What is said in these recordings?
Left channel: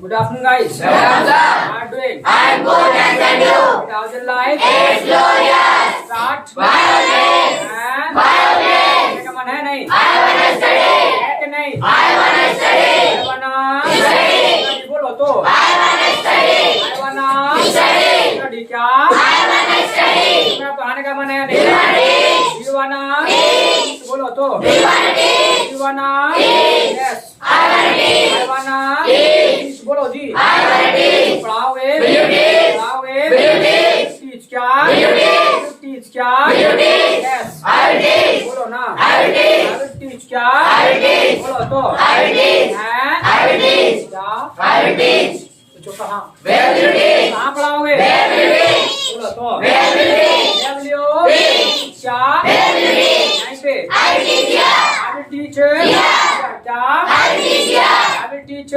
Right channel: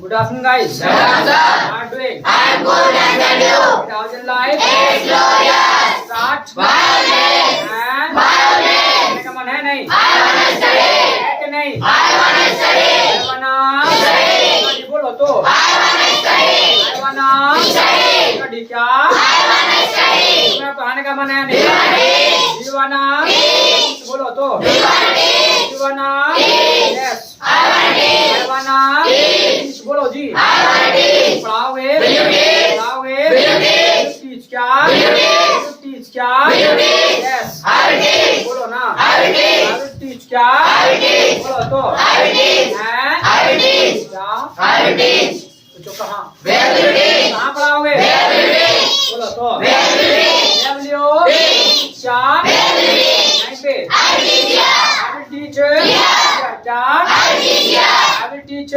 Good afternoon, guys. How are you doing? I'm good, and you? How's your life? It's glorious. Start. Violence. And Violence. पढ़ने का मन है नहीं? I wanna study. है कि नहीं? I wanna study. I wanna study. बोलो तो. I wanna study. I wanna study. study क्या? I wanna study. तुम्हें पढ़ाने का मन है नहीं? teach. You wanna teach. बोलो तो. You wanna teach. You wanna teach. yes. I wanna teach. I wanna teach. बोलो जी. I wanna teach. पढ़ाओगे? Will you teach? पढ़ाओगे? Will you teach? teach क्या? Will you teach? Will you teach क्या? Will you teach? Yes. I will teach. बोलो ना. I will teach. I will teach क्या? I will teach. बोलो तो. I will teach. हैं? I will teach. क्या? I will teach. पूछो कहाँ? Where will you teach? कहाँ पढ़ाओगे? Where will you teach? बोलो तो. Where will you teach? Where will you teach? क्या? Where will you teach? यहीं पे. I will teach here. I will teach क्या? I will teach here. I will teach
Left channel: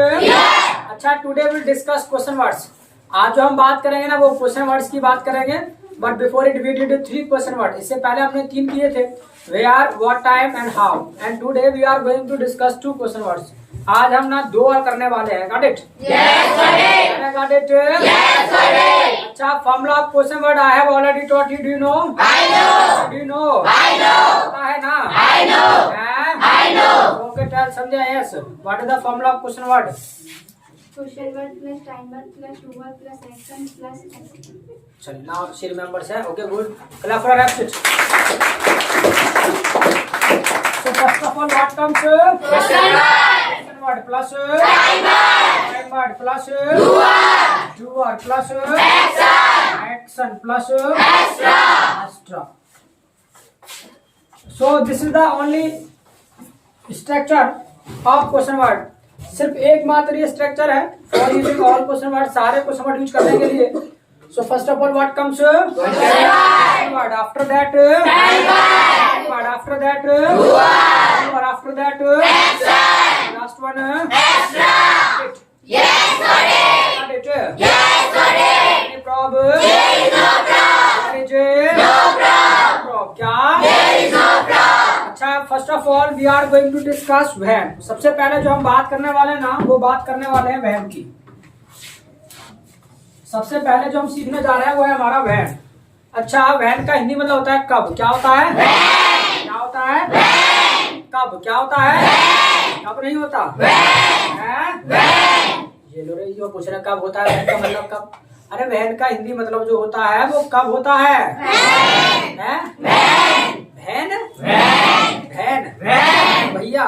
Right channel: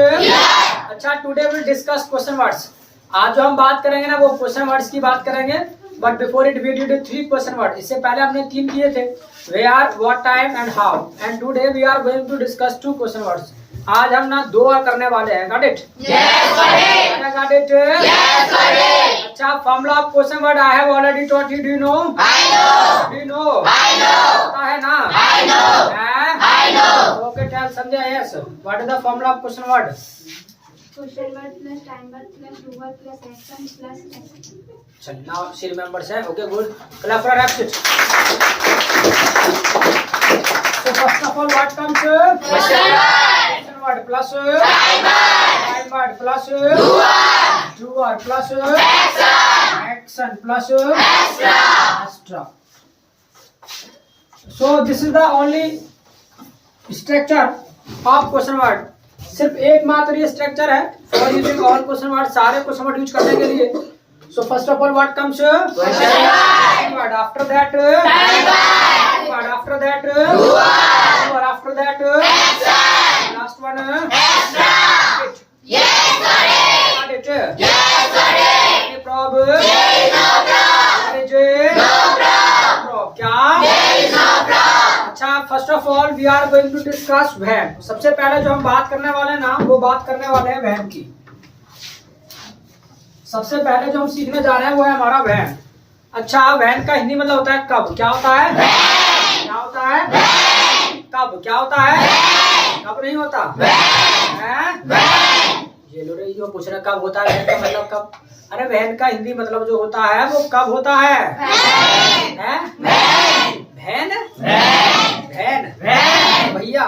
अच्छा today will discuss question words. आज जो हम बात करेंगे ना वो क्वेश्चन वर्ड्स की बात करेंगे. But before it we did 3 question word. इससे पहले हमने 3 किए थे. Where, what, time and how. And today we are going to discuss 2 question words. आज हम ना 2 और करने वाले हैं. Got it? Yes, got it. Got it? Yes, got it. अच्छा formula of question word I have already taught you. Do you know? I know. Do you know? I know. पता है ना? I know. I know. Okay tell Sandhya. Yes. What is the formula of question word? Question word plus time word plus do word plus action plus action. So now she remembers है. Okay, good. Clap for her. Absent. So first of all, what comes? Question word. Question word plus Time word. time word plus Do word. doer plus Action. action plus Extra. extra. So this is the only structure of question word. सिर्फ एक मात्र ये structure है for using all question word. सारे question word use करने के लिए. So first of all what comes? Question word. After that Time word. Word. After that Do word. और after that Action. Last one. Extra. Yes, got it. What it? Yes, got it. Any problem? There is no problem. No No problem. Problem. क्या? There is no problem. अच्छा first of all we are going to discuss when. सबसे पहले जो हम बात करने वाले हैं ना वो बात करने वाले हैं वैन की. सबसे पहले जो हम सीखने जा रहे हैं वो है हमारा वैन. अच्छा वैन का हिंदी मतलब होता है कब. क्या होता है? क्या होता है? कब. क्या होता है? कब नहीं होता हैं? ये लो रे जो पूछ रहे कब होता है वैन का मतलब कब. अरे वैन का हिंदी मतलब जो होता है वो कब होता है? हैं? वैन. वैन भैया.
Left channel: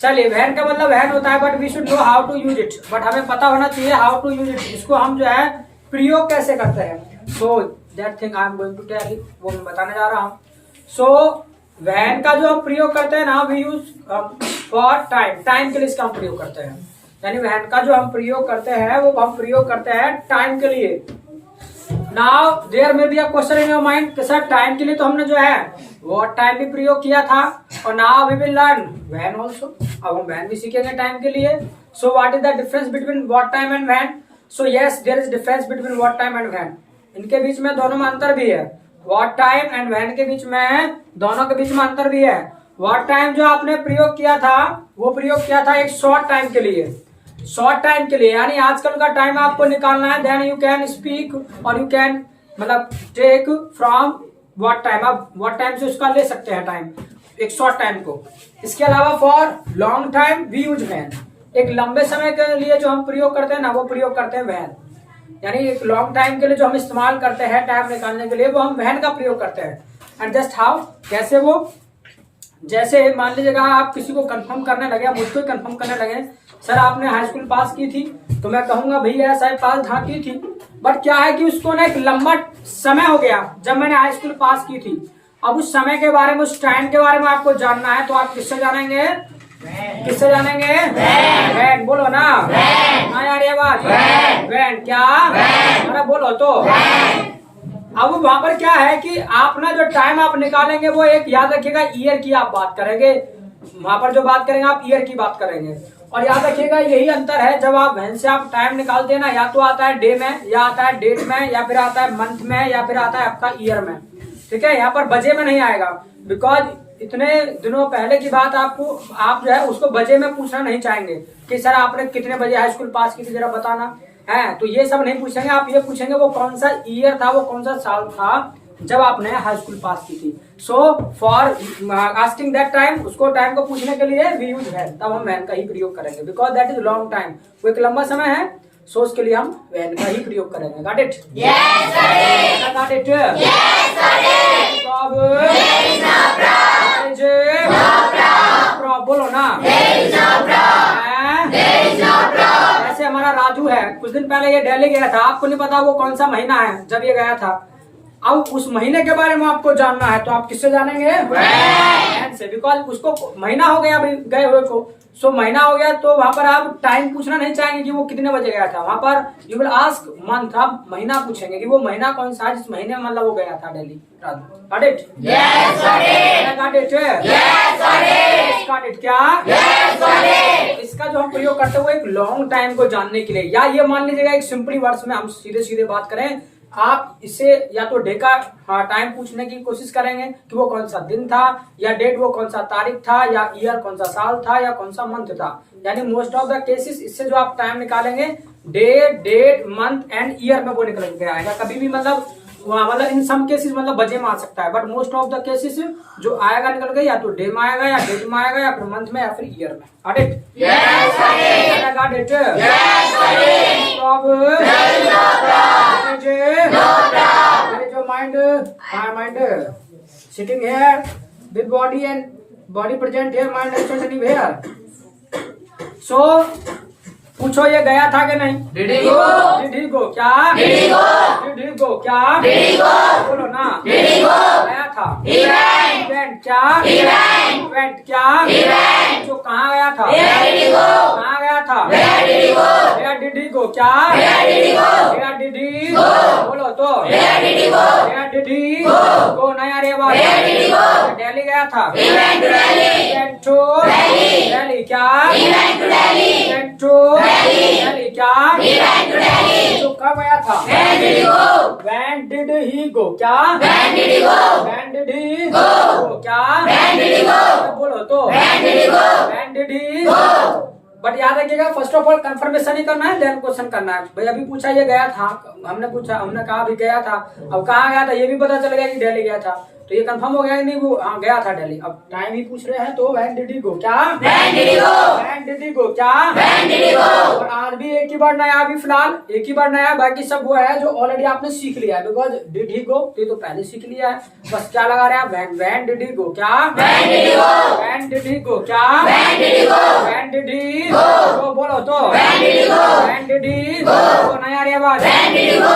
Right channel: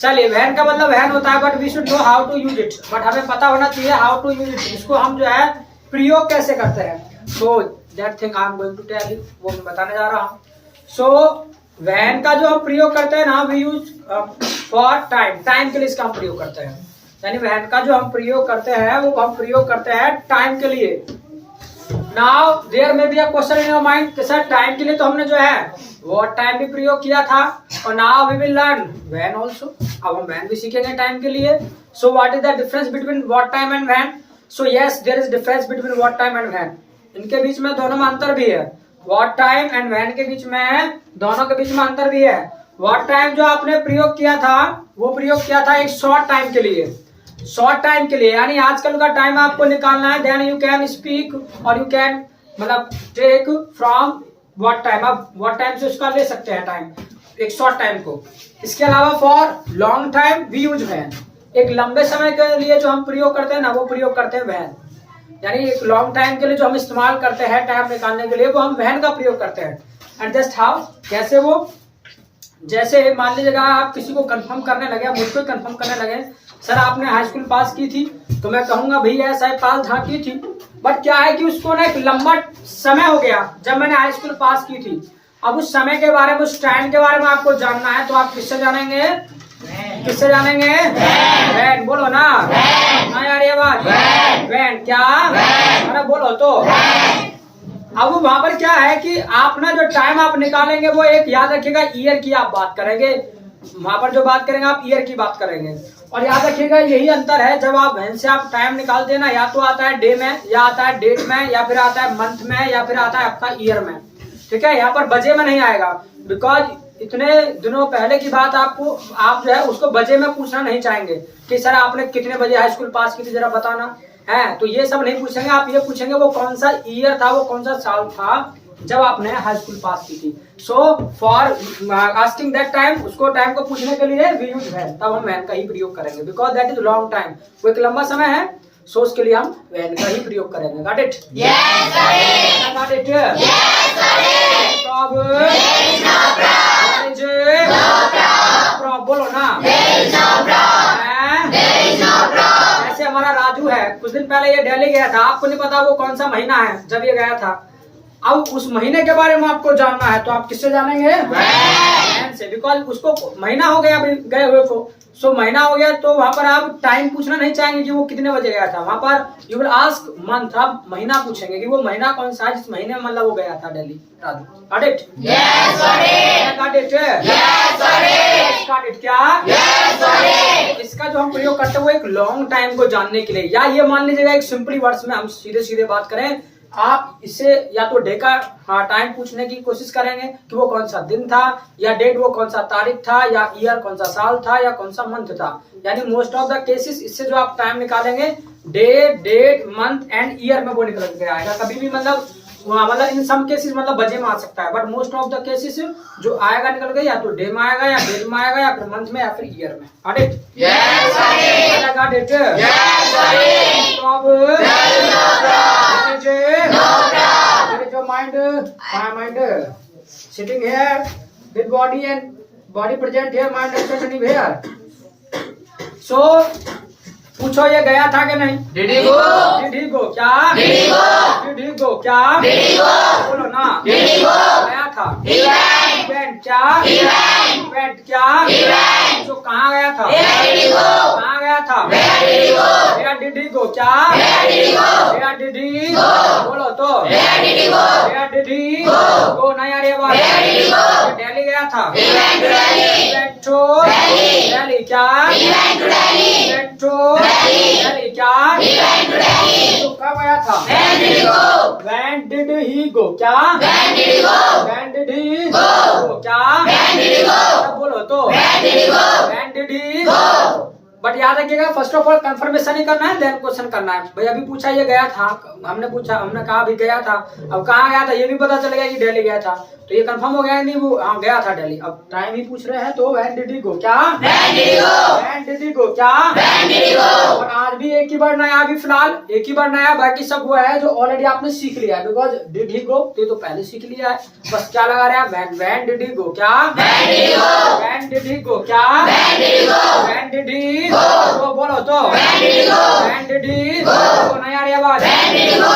चलिए वैन का मतलब वैन होता है. But we should know how to use it. बट हमें पता होना चाहिए हाउ टू यूज इट. इसको हम जो है प्रयोग कैसे करते हैं. So that thing I am going to tell you. वो मैं बताने जा रहा हूँ. सो वैन का जो हम प्रयोग करते हैं ना we use for time. Time के लिए इसका हम प्रयोग करते हैं. यानी वैन का जो हम प्रयोग करते हैं वो हम प्रयोग करते हैं टाइम के लिए. नाउ देयर में be a question in your mind कि सर टाइम के लिए तो हमने जो है व्हाट टाइम भी प्रयोग किया था और now we will learn when also. अब हम व्हेन भी सीखेंगे टाइम के लिए. So what is the difference between what time and when. So yes there is difference between what time and when. इनके बीच में दोनों में अंतर भी है. व्हाट टाइम एंड व्हेन के बीच में दोनों के बीच में अंतर भी है. व्हाट टाइम जो आपने प्रयोग किया था वो प्रयोग किया था एक शॉर्ट टाइम के लिए. शॉर्ट टाइम के लिए यानी आजकल का टाइम आपको निकालना है. देन यू कैन स्पीक और यू कैन मतलब टेक फ्रॉम व्हाट टाइम. आप व्हाट टाइम से उसका ले सकते हैं टाइम एक शॉर्ट टाइम को. इसके अलावा for long time we use when. एक लंबे समय के लिए जो हम प्रयोग करते हैं ना वो प्रयोग करते हैं वैन. यानी एक लॉन्ग टाइम के लिए जो हम इस्तेमाल करते हैं टाइम निकालने के लिए वो हम वैन का प्रयोग करते हैं. एंड जस्ट हाउ कैसे वो जैसे मान लीजिएगा आप किसी को कंफर्म करने लगे मुझको कंफर्म करने लगे सर आपने हाई स्कूल पास की थी तो मैं कहूंगा भैया साहब पास हाँ की थी. बट क्या है कि उसको ना एक लंबा समय हो गया जब मैंने हाई स्कूल पास की थी. अब उस समय के बारे में उस टाइम के बारे में आपको जानना है तो आप किससे जानेंगे? किससे जानेंगे? वैन. बोलो ना ना यार ये बात. वैन क्या? अरे बोलो तो. अब वहां पर क्या है कि आप ना जो टाइम आप निकालेंगे वो एक याद रखिएगा ईयर की आप बात करेंगे. वहां पर जो बात करेंगे आप ईयर की बात करेंगे. और याद रखिएगा यही अंतर है जब आप वैन से आप टाइम निकालते हैं ना या तो आता है डे में या आता है डेट में या फिर आता है मंथ में या फिर आता है आपका ईयर में. ठीक है. यहाँ पर बजे में नहीं आएगा बिकॉज इतने दिनों पहले की बात आपको आप जो है उसको बजे में पूछना नहीं चाहेंगे कि सर आपने कितने बजे हाई स्कूल पास की थी जरा बताना है। तो ये सब नहीं पूछेंगे, आप ये पूछेंगे वो कौन सा ईयर था, वो कौन सा साल था जब आपने हाई स्कूल पास की थी। So for asking that time, उसको टाइम को पूछने के लिए वी यूज व्हेन, तब हम व्हेन का ही प्रयोग करेंगे because that is long time, वो एक लंबा समय है। सो उसके लिए हम व्हेन का ही प्रयोग करेंगे। Got it? Yes, got it. Got it? Yes, got it. तो अब There is no problem. No problem. बोलो ना। There is no problem. हैं? There is no problem. ऐसे हमारा राजू है, कुछ दिन पहले ये दिल्ली गया था, आपको नहीं पता वो कौन सा महीना है जब ये गया था। अब उस महीने के बारे में आपको जानना है तो आप किससे जानेंगे? वैन से, बिकॉज उसको महीना हो गया अभी गए हुए को। सो महीना हो गया तो वहां पर आप टाइम पूछना नहीं चाहेंगे कि वो कितने बजे गया था, वहां पर यू विल आस्क मंथ, आप महीना पूछेंगे कि वो महीना कौन सा है जिस महीने में मतलब वो गया था Delhi. Raju got it? Yes, got it. Got it? Yes, got it. Got it? क्या? Yes, got it. इसका जो हम प्रयोग करते हैं वो एक लॉन्ग टाइम को जानने के लिए, या ये मान लीजिएगा एक सिंपली वर्ड्स में हम सीधे सीधे बात करें, आप इससे या तो डे का टाइम पूछने की कोशिश करेंगे कि वो कौन सा दिन था, या डेट वो कौन सा तारीख था, या ईयर कौन सा साल था, या कौन सा मंथ था। यानी मोस्ट ऑफ द केसेस इससे जो आप टाइम निकालेंगे day, date, month and year में वो निकल के आएगा। कभी भी मतलब इन सम केसेस मतलब बजे में आ सकता है, but most of the cases जो आएगा निकल के या तो डे में आएगा, या डेट में आएगा, या फिर मंथ में, या फिर ईयर में। Got it? Yes, got it. Got it? Yes, got it. तो अब There is no problem. No problem. There is your mind, my mind sitting here with body and body present here, mind absent anywhere. So पूछो ये गया था कि नहीं? Did he go? Did he go? क्या? Did he go? Did he go? क्या? Did he go? बोलो ना। Did he go? गया था। He went. Went क्या? He went. Went क्या? He went. जो कहाँ गया था? Where did he go? कहाँ गया था? Where did he go? Where did he go? क्या? Where did he go? Where did he Go. बोलो तो। Where did he go? Where did he Go. go? नहीं आ रही आवाज। Where did he go? Delhi गया था। He went to Delhi. Went to Delhi. Delhi क्या? He went to Delhi. Went to Delhi. Delhi क्या? He went to Delhi. तो कब गया था? Where did he go? When did he go? क्या? When did he go? When did he Go. क्या? When did he go? बोलो तो। When did he go? When did he Go. But याद रखिएगा फर्स्ट ऑफ ऑल कंफर्मेशन ही करना है, then question करना है। भाई अभी पूछा ये गया था, हमने पूछा, हमने कहा अभी गया था, अब कहाँ गया था ये भी पता चल गया कि दिल्ली गया था, तो ये कंफर्म हो गया कि नहीं वो गया था दिल्ली। अब टाइम ही पूछ रहे हैं तो व्हेन डिड ही गो? क्या? When did he go? When did he go? क्या? When did he go? और आज भी एक ही बार नया, अभी फिलहाल एक ही बार नया, बाकी सब वो है जो ऑलरेडी आपने सीख लिया है, बिकॉज डिड ही गो तो ये तो पहले सीख लिया है, बस क्या लगा रहे हैं व्हेन डिड ही गो? क्या? When did he go? When did he go? क्या? When did he go? When did he Go. Go? बोलो तो। When did he go? When did he Go. नहीं आ रही आवाज। When did he go?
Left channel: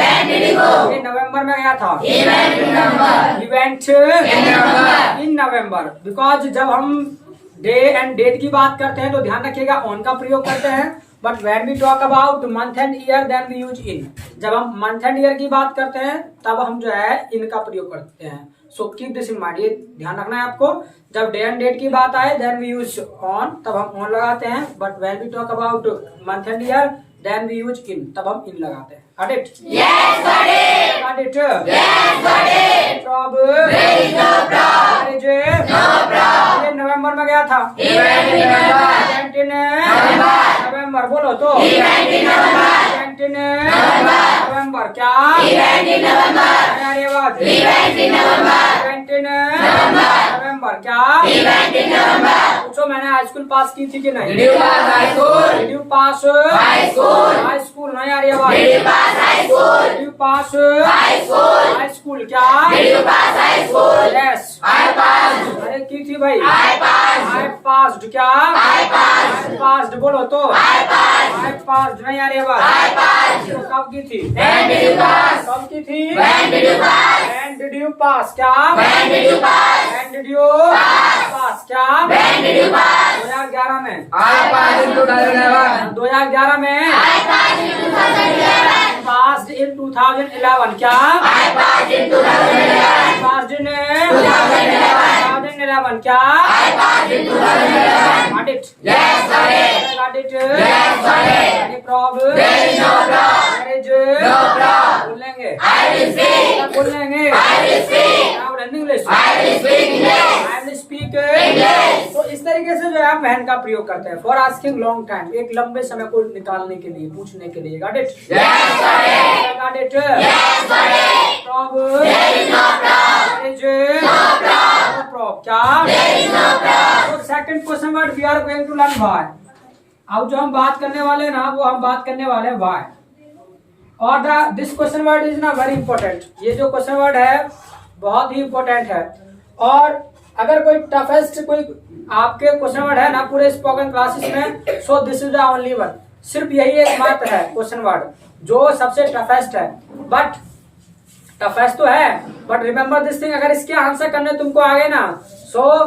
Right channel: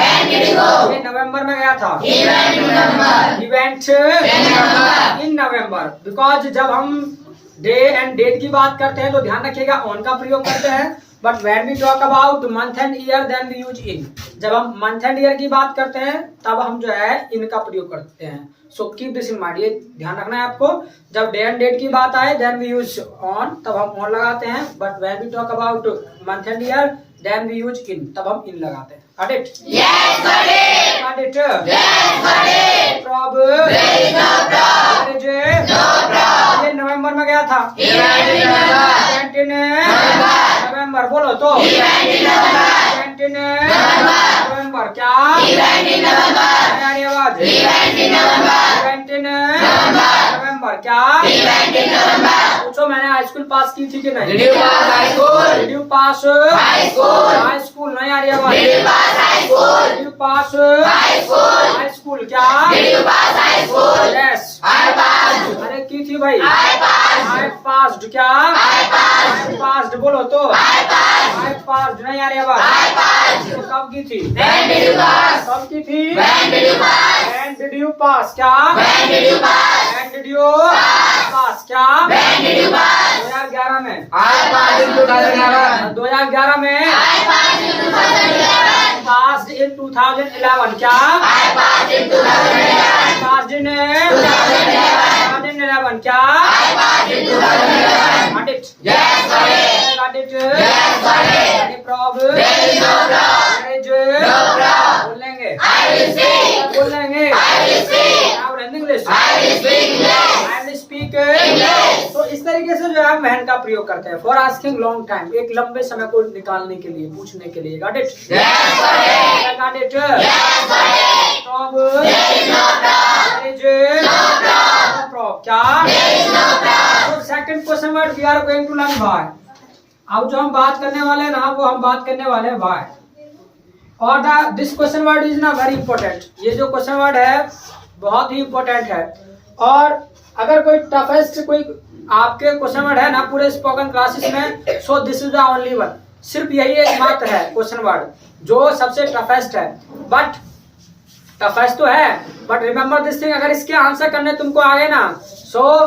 When did he go? ये नवंबर में गया था। He went to November. He went In November. in November. Because जब हम डे एंड डेट की बात करते हैं तो ध्यान रखिएगा ऑन का प्रयोग करते हैं, but when we talk about month and year then we use in. जब हम मंथ एंड ईयर की बात करते हैं तब हम जो है इन का प्रयोग करते हैं। So keep this in mind, ये ध्यान रखना है आपको। जब डे एंड डेट की बात आए देन वी यूज ऑन, तब हम ऑन लगाते हैं, but when we talk about month and year then we use in, तब हम इन लगाते हैं। Got it? Yes, got it. Got it? Yes, got it. Problem? There is no problem. There is No problem. ये नवंबर में गया था। He went in November. नवंबर बोलो तो। He went in November. नवंबर क्या? He went in November. हमारी आवाज। He went in November. नवंबर क्या? He went in November. पूछो मैंने हाई स्कूल पास की थी कि नहीं? Did you pass high school? Did you pass High school? High school नहीं आ रही आवाज। Did you pass high school? Did you pass High school? High school क्या? Did you pass high school? Yes. I passed. अरे की थी भाई? I passed. I passed क्या? I passed. I passed बोलो तो। I passed. I passed नहीं आ रही आवाज। I passed. तो कब की थी? When did you pass? कब की थी? When did you pass? When did you pass क्या? When did you pass? When did you pass क्या? When did you pass? 2011 में। I passed in 2011. 2011 में। I passed in 2011. Passed in 2011 क्या? I passed in 2011. Passed in 2011 क्या? I passed in 2011. Got it? Yes, got it. Got it? Yes, got it. Any problem? There is no problem. There is No problem. बोल लेंगे। I will see. बोल लेंगे। I will see. Now in English. I will speak English. तो इस तरीके से जो है वैन का प्रयोग करते हैं फॉर आस्किंग लॉन्ग टाइम, एक लंबे समय को निकालने के लिए, पूछने के लिए। Got it? Got it? क्या? Second question word we are going to learn why. अब जो हम बात करने वाले हैं ना, वो हम बात करने वाले हैं व्हाई। और दिस क्वेश्चन वर्ड इज ना वेरी इंपॉर्टेंट। ये जो क्वेश्चन वर्ड है बहुत ही इंपॉर्टेंट है। और अगर कोई टफेस्ट कोई आपके क्वेश्चन वर्ड है ना पूरे स्पोकन क्लासेस में, सो this is the only one. सिर्फ यही एक मात्र है क्वेश्चन वर्ड जो सबसे टफेस्ट है। बट टफेस्ट तो है, बट रिमेम्बर दिस थिंग, अगर इसके आंसर करने तुमको आ गए ना, so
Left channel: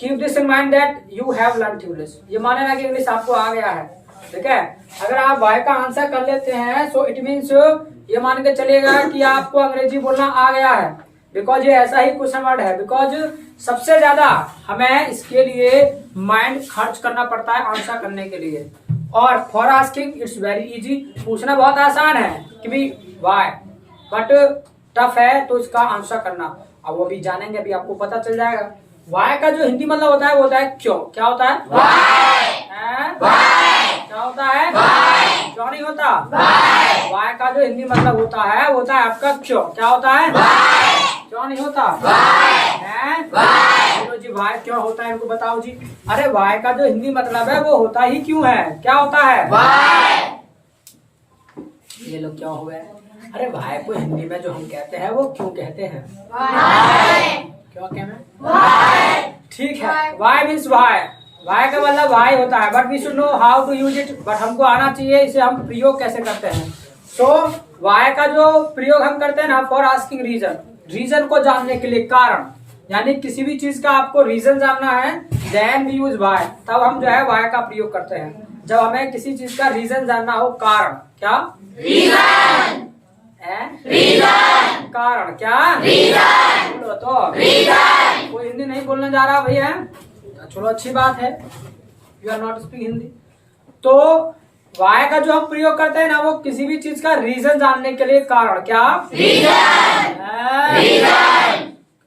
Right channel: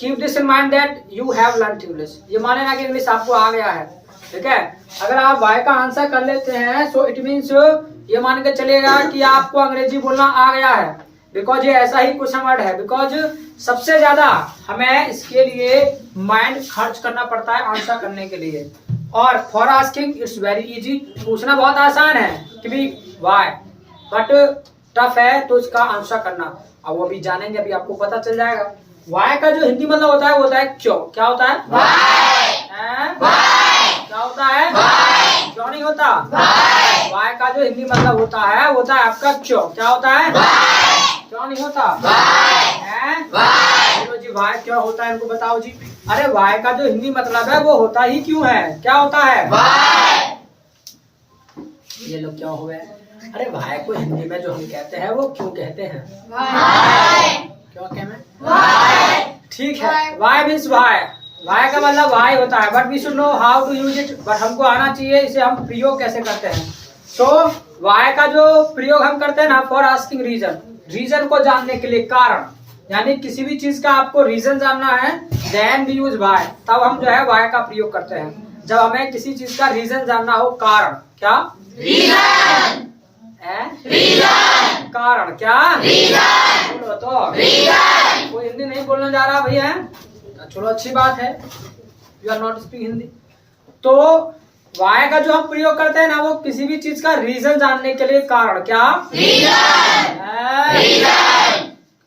keep this in mind that you have learn English. ये माने ना कि इंग्लिश आपको आ गया है, ठीक है। अगर आप वाई का आंसर कर लेते हैं, सो इट मीन्स ये मान के चलेगा कि आपको अंग्रेजी बोलना आ गया है, बिकॉज ये ऐसा ही क्वेश्चन वर्ड है। बिकॉज सबसे ज्यादा हमें इसके लिए माइंड खर्च करना पड़ता है आंसर करने के लिए। और for asking it's very easy, पूछना बहुत आसान है कि भी वाई, बट टफ है तो इसका आंसर करना। अब वो भी जानेंगे, अभी आपको पता चल जाएगा। वाई का जो हिंदी मतलब होता है वो होता है क्यों। क्या होता है? क्या होता है? क्यों नहीं होता? वाई का जो हिंदी मतलब होता है वो होता है आपका क्यों। क्या होता है? क्यों नहीं होता? बोलो जी वाई क्यों होता है, इनको बताओ जी। अरे वाई का जो हिंदी मतलब है वो होता ही क्यों है। क्या होता है? ये लोग क्यों हुए? अरे वाई को हिंदी में जो हम कहते हैं वो क्यों कहते हैं? क्यों कहते? ठीक है, वाई मीन्स वाई। वाई का मतलब वाई होता है, but we should know how to use it. बट हमको आना चाहिए इसे हम प्रयोग कैसे करते हैं। सो वाई का जो प्रयोग हम करते हैं ना फॉर आस्किंग रीजन, रीजन को जानने के लिए, कारण, यानी किसी भी चीज का आपको रीजन जानना है, देन वी यूज वाई। तब हम जो है वाई का प्रयोग करते हैं जब हमें किसी चीज का रीजन जानना हो। कारण क्या? रीजन। कारण क्या? रीजन। बोलो तो रीजन। कोई हिंदी नहीं बोलने जा रहा भैया? चलो अच्छी बात है, you are not speak Hindi. तो वाई का जो हम प्रयोग करते हैं ना वो किसी भी चीज का रीजन जानने के लिए। कारण क्या? रीजन।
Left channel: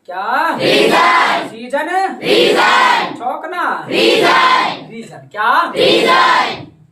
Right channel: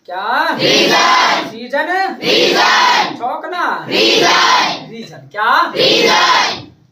क्या? रीजन। चौकना। रीजन क्या?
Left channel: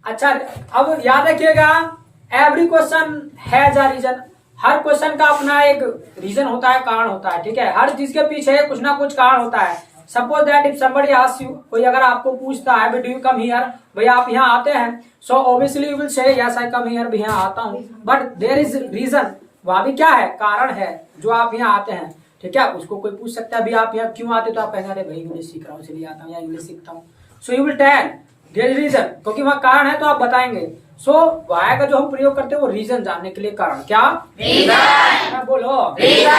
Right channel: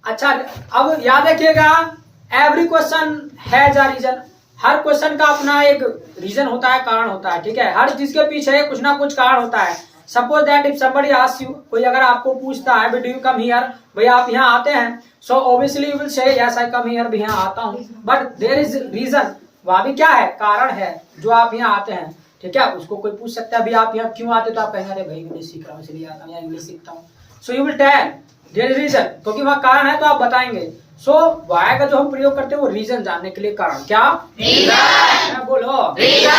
अच्छा, अब याद रखिएगा, every question has a reason. हर क्वेश्चन का अपना एक रीजन होता है, कारण होता है, ठीक है। हर चीज के पीछे कुछ ना कुछ कारण होता है। Suppose that if somebody asks you, कोई अगर आपको पूछता है डू यू कम हियर, भैया आप यहाँ आते हैं, so obviously you will say yes I come here, भी यहाँ आता हूँ। बट देयर इज रीजन, वहाँ भी क्या है? कारण है जो आप यहाँ आते हैं, ठीक है। उसको कोई पूछ सकता है अभी आप यहाँ क्यों आते, तो आप कहेंगे अरे भाई इंग्लिश सीख रहा हूँ इसलिए आता हूँ, या इंग्लिश सीखता हूँ। So you will tell there is reason, क्योंकि वहाँ कारण है तो आप बताएंगे। सो वाई का जो हम प्रयोग करते हैं वो रीजन जानने के लिए। कारण क्या? रीजन। बोलो रीजन।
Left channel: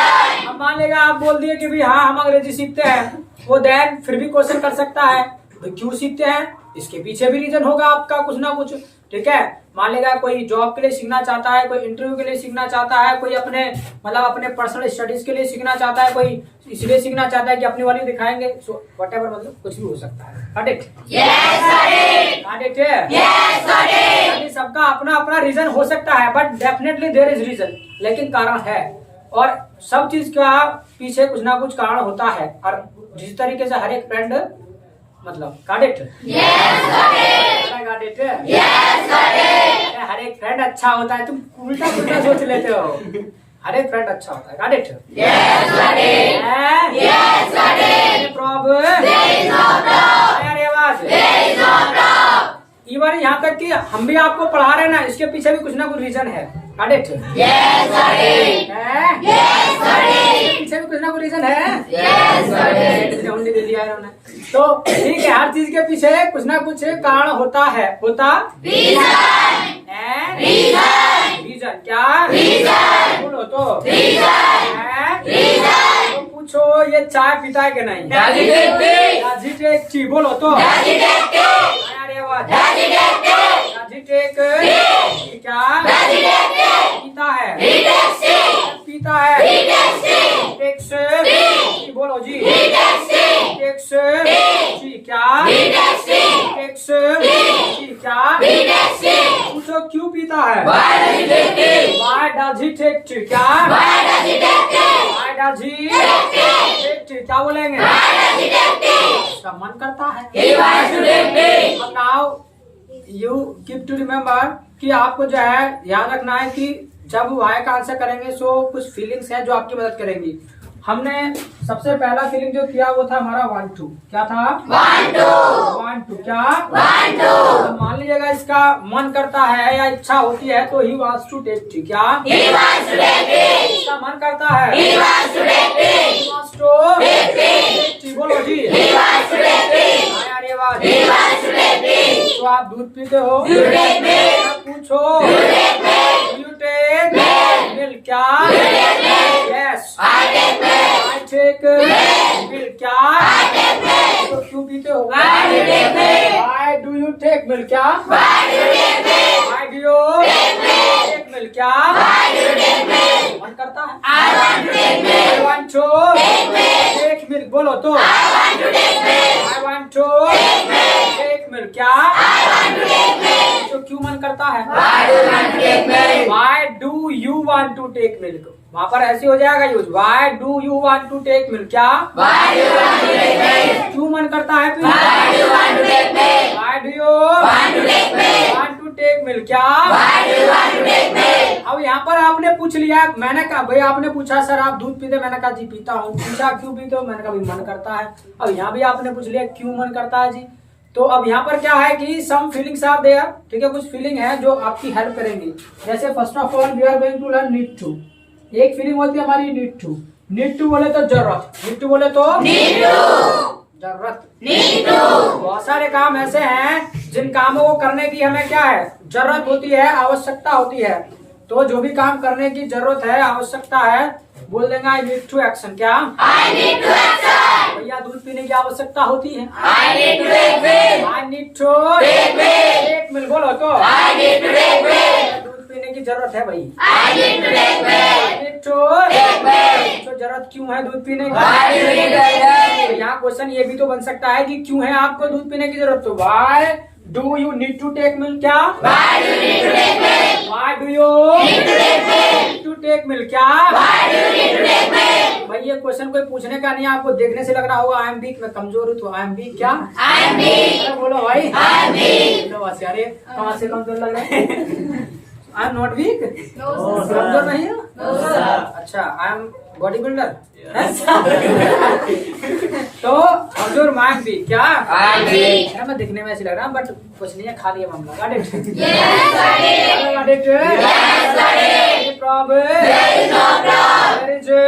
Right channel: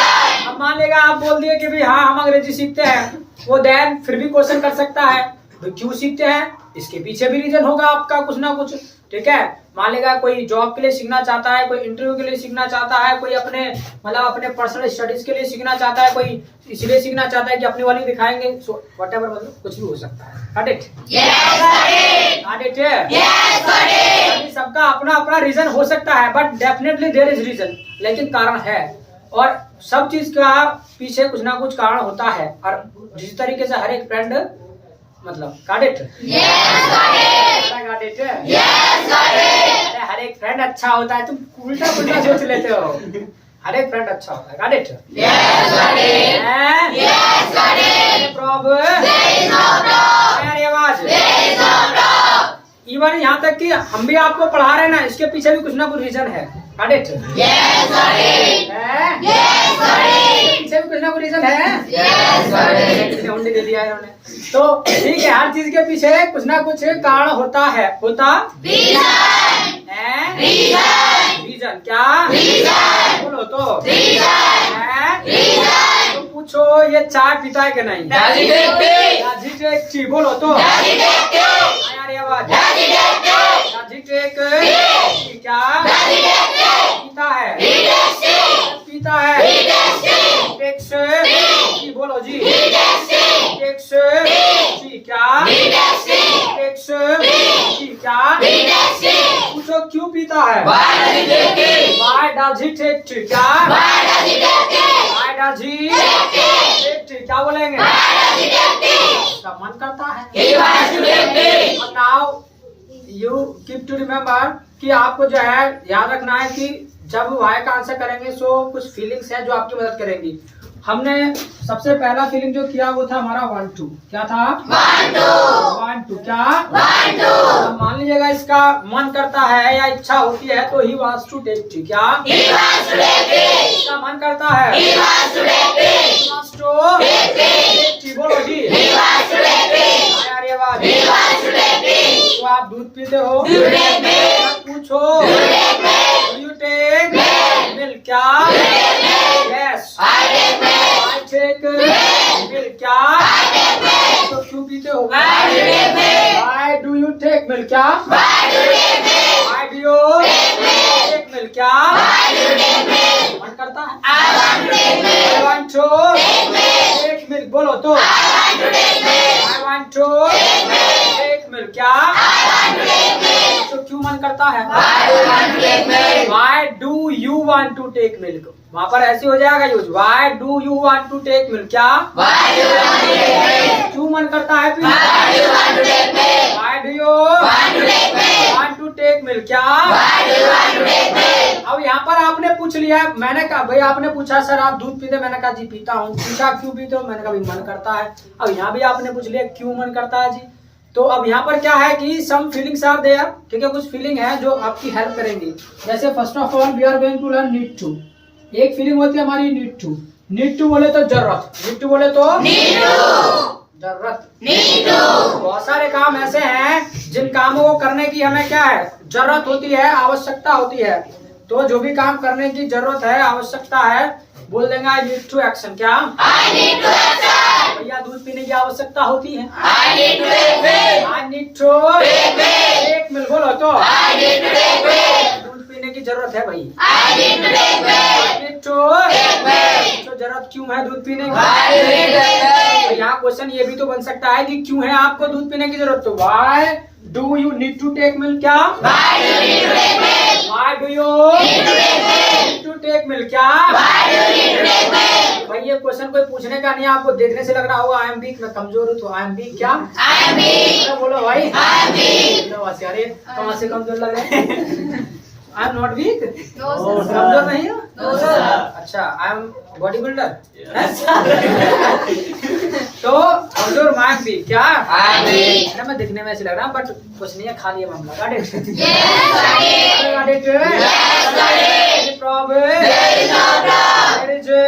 अब मान लेगा आप बोल दिए कि भाई हाँ हम अंग्रेजी सीखते हैं, वो देन फिर भी क्वेश्चन कर सकता है क्यों सीखते हैं, इसके पीछे भी रीजन होगा आपका कुछ ना कुछ, ठीक है। मान लेगा कोई जॉब के लिए सीखना चाहता है, कोई इंटरव्यू के लिए सीखना चाहता है, कोई अपने मतलब अपने पर्सनल स्टडीज के लिए सीखना चाहता है, कोई इसलिए सीखना चाहता है कि अपनी वाली दिखाएंगे। सो व्हाटएवर, मतलब कुछ भी हो सकता है। Got it? Yes got it. Got it? Yes got it. यानी सबका अपना अपना रीजन हो सकता है, but definitely there is reason, लेकिन कारण है। और सब चीज का पीछे कुछ ना कुछ कारण होता है। और जिस तरीके से हर एक फ्रेंड मतलब got it? Yes got it. Got it? Yes got it. अरे हर एक फ्रेंड अच्छा होता है, तुम उल्टा पुल्टा सोच लेते हो। हर एक फ्रेंड अच्छा होता है। Got it? Yes got it. Yes got it. Problem? There is no problem. यार ये आवाज there is no problem. Even यहाँ तक कि हम भी आपको पढ़ा रहे हैं ना, इसके पीछे भी कुछ ना कुछ रीजन है। Got it? Yes got it. Yes got it. इसके पीछे भी कुछ ना कुछ रीजन है। Yes got it. उन्हें दे दिया इन्होंने। तो ठीक है, हर चीज के पीछे कुछ ना कुछ कारण होता है। होता रीजन है। रीजन क्या? रीजन। बोलो तो रीजन है। रीजन। तो पूछो ये चाय पीता है कि नहीं? बोलो तो यार ये आवाज क्या पीता है? पीता है। टेक्स बोलो जी। टेक्स क्या? टेक्स क्या? पूछो क्यों पीता है? Why does he take tea? Why does he take tea? क्या? Why does he take tea? Why does he Take tea. take tea? क्या बोलेंगे? Why does he take tea? उसका मन करता है। He wants to take tea. अब now you keep to remember कि आपको जो है याद रखना है कि जब वाई का आंसर करेंगे सो कुछ फीलिंग्स है जो आपकी मदद करेंगी। हमने सबसे पहला फीलिंग जो किया वो था हमारा 1 2। क्या था? 1 2 1 2 क्या? 1 2 अब मान लीजिएगा इसका मन करता है या इच्छा होती है तो he wants to take tea. क्या? He wants to take tea. इसका मन करता है। He wants to take tea. wants to Take tea. take tea। बोलो जी। He wants to take tea. यार ये बात। He wants to take tea. तो आप दूध पीते हो? You take milk. अब पूछो You take milk. Do you take Milk. milk? क्या? You take milk. Yes. I take milk. I take milk। क्या? I take milk. तो क्यों पीते हो? Why do you take milk? Why do you take milk? क्या? Why do you take milk? Why do you Take milk. take milk? क्या? Why do you take milk? मन करता है। I want to take I milk. want to Take milk. take milk। बोलो तो। I want to take milk. I want to Take milk. take milk। क्या? I want to take milk. तो क्यों मन करता है? Why do you want to take milk? Why do you want to take milk? वहाँ पर ऐसे हो जाएगा use. Why do you want to take milk? क्या? Why do you want to take milk? क्यों मन करता है? Why do you want to take milk? Why do you Want to take milk? want to take milk? क्या? Why do you want to take milk? अब यहाँ पर आपने पूछ लिया, मैंने कहा भाई, आपने पूछा सर आप दूध पीते, मैंने कहा जी पीता हूँ। पूछा क्यों पीते हो, मैंने कहा भाई मन करता है। अब यहाँ भी आपने पूछ लिया क्यों मन करता है जी। तो अब यहाँ पर क्या है कि सम फीलिंग्स आर देयर। ठीक है, कुछ फीलिंग है जो आपकी हेल्प करेंगी। जैसे first of all we are going to learn need to. एक फीलिंग होती है हमारी नीड टू। नीड टू बोले तो जरूरत, नीड टू बोले तो Need to. जरूरत। Need to. बहुत सारे काम ऐसे हैं जिन कामों को करने की हमें क्या है, जरूरत होती है, आवश्यकता होती है। तो जो भी काम करने की जरूरत है, आवश्यकता है, बोल देंगे आई नीड टू एक्शन। क्या? I need to action. भैया दूध पीने की आवश्यकता होती है। I need to take milk. I need to Take milk. एक मिल बोलो तो। I need to take milk. दूध पीने की जरूरत है भाई। I need to take milk. Need to Take milk. तो जरूरत क्यों है दूध पीने की? Why do you need to take milk? तो यहाँ क्वेश्चन ये भी तो बन सकता है कि क्यों है आपको दूध पीने की जरूरत। तो why do you need to take milk? क्या? Why do you need to take milk? Why do you Need to take milk. To take milk? क्या? Why do you need to take milk? भाई ये question कोई पूछने का नहीं है, आपको देखने से लग रहा होगा आई एम वीक, मैं कमजोर हूँ। तो आई एम वीक क्या? I am weak. अरे बोलो भाई। I am weak. तो बस यार ये कहाँ से कमजोर लग रहे हैं? I am not weak. No, sir. कमजोर नहीं हो? No, sir. अच्छा, आई एम बॉडी बिल्डर। तो कमजोर मैं भी क्या? I am weak. अरे मैं दिखने में ऐसे लग रहा हूँ बट कुछ नहीं है, खाली है मामला। Got it? Yes, got it. Got it? Yes, got it. Any problem? There is no problem. There is no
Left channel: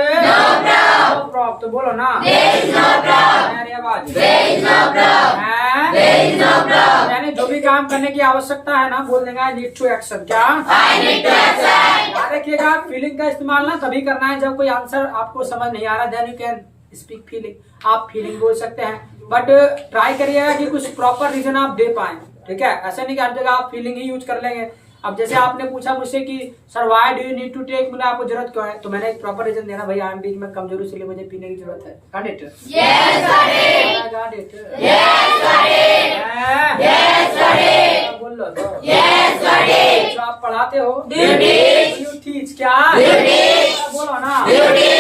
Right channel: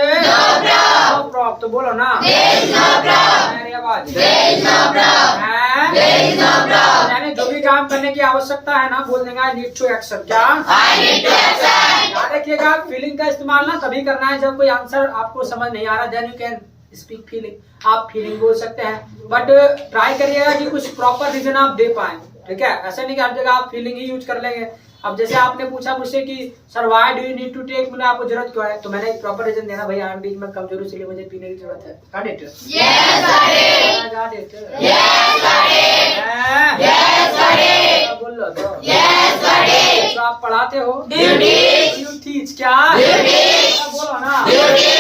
problem. problem। तो बोलो ना। There is no problem. मेरी आवाज। There is no problem. हैं? There is no problem. यानी जो भी काम करने की आवश्यकता है ना, बोल देंगे आई नीड टू एक्शन। क्या? I need to action. याद रखिएगा फीलिंग का इस्तेमाल ना तभी करना है जब कोई आंसर आपको समझ नहीं आ रहा, then you can speak feeling. आप फीलिंग बोल सकते हैं बट ट्राई करिएगा कि कुछ प्रॉपर रीजन आप दे पाए। ठीक है, ऐसा नहीं कि हर जगह आप फीलिंग ही यूज कर लेंगे। अब जैसे आपने पूछा मुझसे कि sir why do you need to take, मतलब आपको जरूरत क्यों है, तो मैंने एक प्रॉपर रीजन देना, भाई आई एम वीक, मैं कमजोर हूं इसलिए मुझे पीने की जरूरत है। Got it? Yes, got it. Got it? Yes, got it. हैं? Yes, got it. बोल लो तो। Yes, got it. जो आप पढ़ाते हो Duty. You teach. क्या? Duty. बोलो ना। Duty.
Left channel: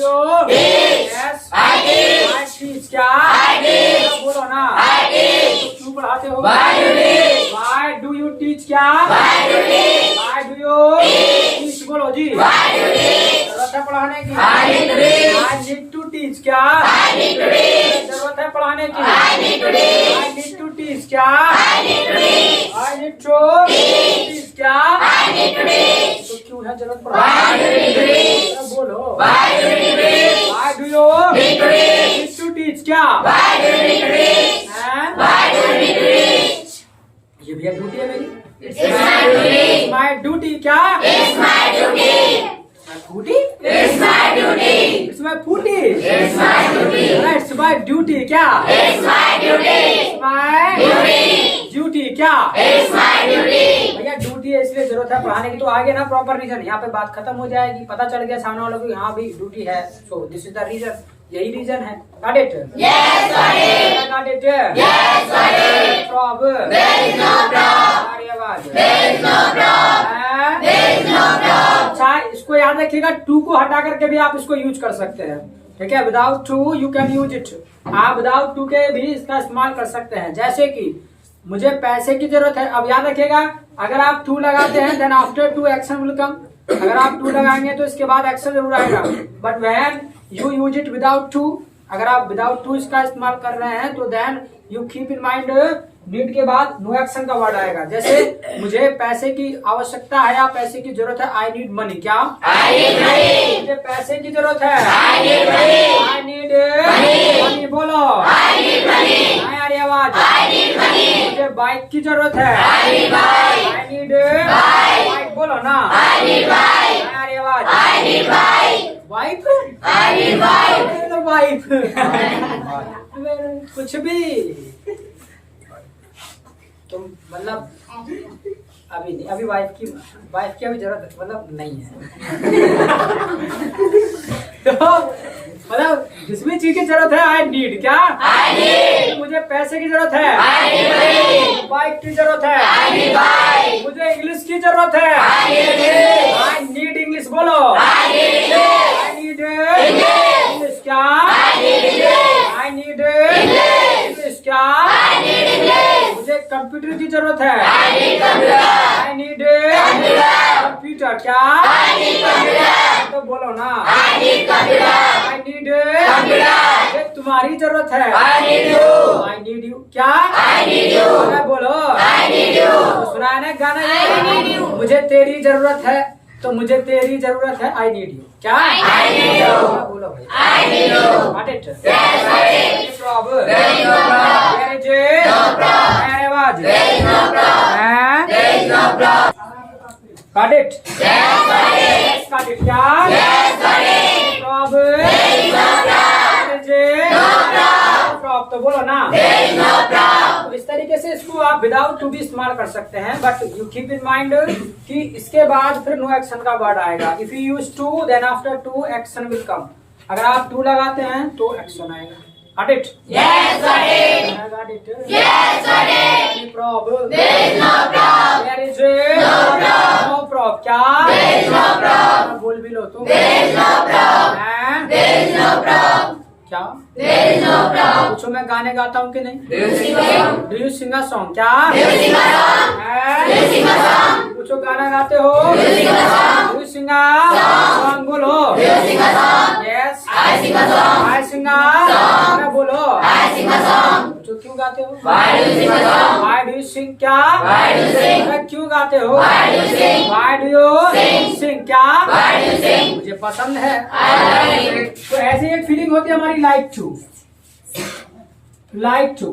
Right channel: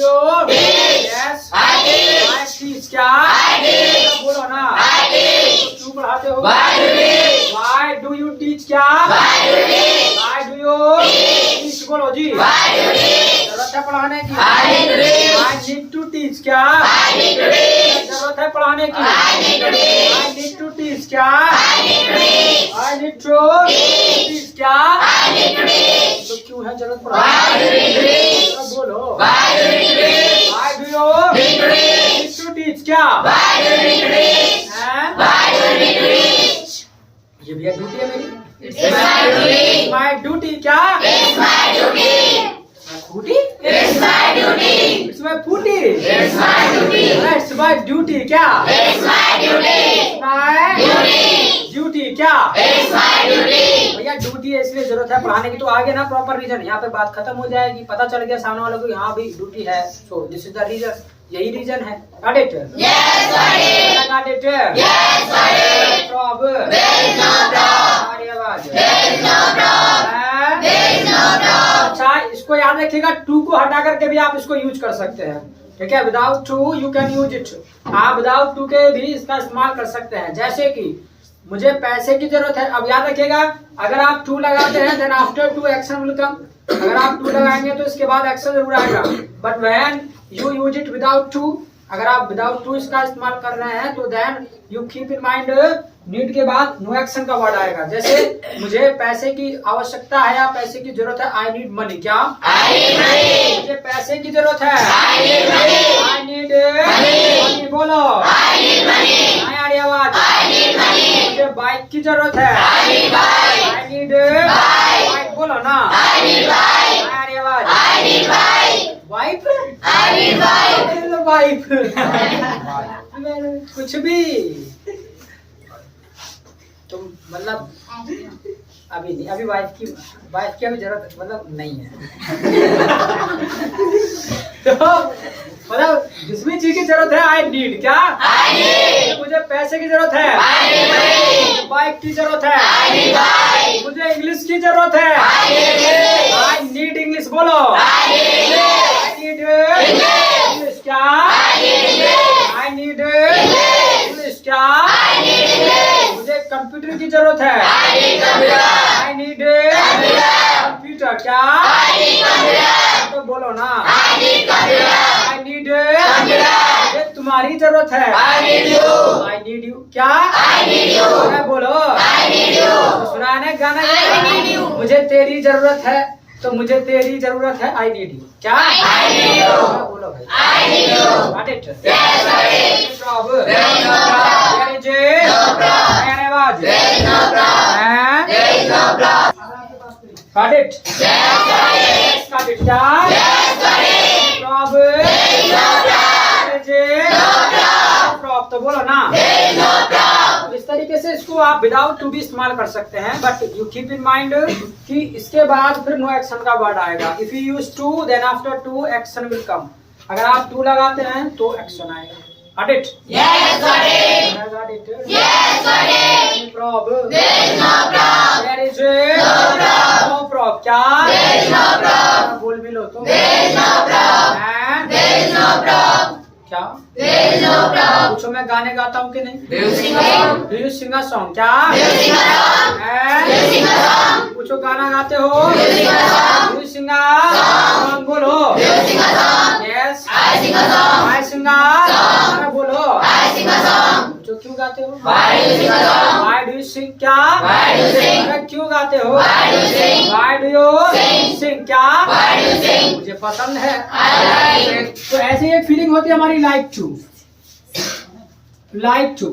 You Teach. Yes I teach. I teach. क्या? I teach. बोलो ना। I teach. तो क्यों पढ़ाते हो? Why do you teach? Why do you teach? क्या? Why do you teach? Why do you teach? बोलो जी। Why do you teach? जरूरत है पढ़ाने की। I need to teach. I need to teach। क्या? I need to teach. जरूरत है पढ़ाने की। I need to teach. I need to teach। क्या? I need to teach. I need to teach। क्या? I need to teach. तो क्यों है जरूरत Why do you need to teach? पढ़ाने? बोलो। Why do you need to teach? Why do you Need to teach. need to teach? क्या? Why do you need to teach? हैं? Why do you need to teach? ये भी duty है मेरी। It's my duty. My duty। क्या? It's my duty. My duty? It's my duty. It's my duty। It's my duty. It's my duty। क्या? It's my duty. My Duty. duty। क्या? It's my duty. भैया duty है इसलिए जरूरत है पढ़ाने की। तो आगे ना प्रॉपर रीजन, यहाँ पे बात खत्म हो जाएगी, पता चल गया सामने वालों को यहाँ भी ड्यूटी है। So this is the reason, यही रीजन है। Got it? Yes, got it. Got it? Yes, got it. Problem? There is no problem. हमारी आवाज। There is no रखिएगा, टू को हटा करके भी आप इसको यूज कर सकते हैं, ठीक है। Without to you can use it, आप विदाउट टू के भी इसका इस्तेमाल कर सकते हैं। जैसे कि मुझे पैसे की जरूरत है, अब याद रखिएगा अगर आप टू लगाते हैं then after to action will come. अगर आप टू लगाएंगे तो इसके बाद एक्शन जरूर आएगा, but when you use it without to, अगर आप विदाउट टू इसका इस्तेमाल कर रहे हैं तो then you keep in mind need के बाद नो एक्शन का वर्ड आएगा। जैसे मुझे पैसे की आवश्यकता है या पैसे की जरूरत है, आई नीड मनी। क्या? मुझे पैसे की जरूरत है, आई नीड मनी। बोलो, नहीं आ रही आवाज? मुझे बाइक की जरूरत है, आई नीड बाइक। बोलो ना, नहीं आ रही आवाज? वाइफ, वाइफ कुछ भी तुम मतलब अभी नहीं, अभी वाइफ की अभी जरूरत मतलब नहीं है। तो मतलब जिस भी चीज की जरूरत है आई नीड। क्या? मुझे पैसे की जरूरत है, बाइक की जरूरत है, मुझे इंग्लिश की जरूरत है, आई नीड इंग्लिश। बोलो, आई नीड इंग्लिश। क्या? I need English. क्या? मुझे कंप्यूटर की जरूरत है, आई नीड कंप्यूटर। क्या? तो बोलो ना, आई नीड। मुझे तुम्हारी जरूरत है, आई नीड यू। क्या? अरे बोलो, तो सुना है ना गाना ये, मुझे तेरी जरूरत है, तो मुझे तेरी जरूरत है, आई नीड यू। क्या? बोलो भाई, got it? Yes, problem. There is no got it? Yes, got it. क्या? problem. तो बोलो ना, तो इस तरीके से इसको आप विदाउट टू भी इस्तेमाल कर सकते हैं, but you keep in mind कि इसके बाद फिर नो एक्शन का वर्ड आएगा। If you use to then after to action will come. अगर आप टू लगाते हैं तो एक्शन आएगा। Got it? Yes, got it. I got it. Yes, got it. Any problem? There is no problem. There is no problem. No problem. क्या? There is no problem. बोल भी लो तो। There is no problem. हैं? There is no problem. क्या? There is no problem. पूछो मैं गाने गाता हूँ कि नहीं? Do you sing a song? Do you sing a song? क्या? Do you sing a song? हैं? Do you sing a song? पूछो गाना गाते हो? Do you sing a song? Do you sing a song? बोलो। Do you sing a song? Yes. I sing a song. I sing a song. अरे बोलो। I sing a song. जो क्यों गाते हो? Why do you sing a song? Why do you sing? क्या? Why do you sing? अरे क्यों गाते हो? Why do you sing? Why do you Sing. sing? क्या? Why do you sing? मुझे पसंद है। I like it. तो ऐसी एक फीलिंग होती है हमारी like to. Like to,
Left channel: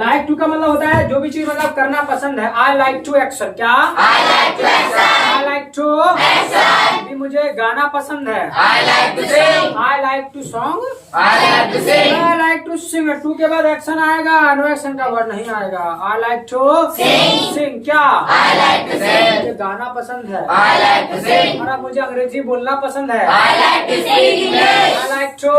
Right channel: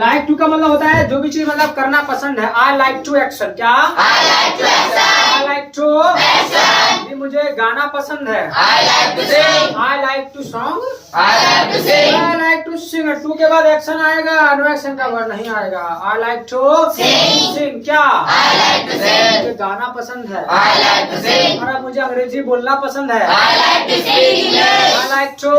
like to का मतलब होता है जो भी चीज मतलब करना पसंद है। I like to action. क्या? I like to exercise. I like to Action. भी मुझे गाना पसंद है। I like to sing. I like to song. I like to sing. I like to sing. To के बाद एक्शन आएगा, नो एक्शन का वर्ड नहीं आएगा। I like to Sing. Sing. क्या? I like to sing. मुझे गाना पसंद है। I like to sing. और मुझे अंग्रेजी बोलना पसंद है। I like to speak English. I like to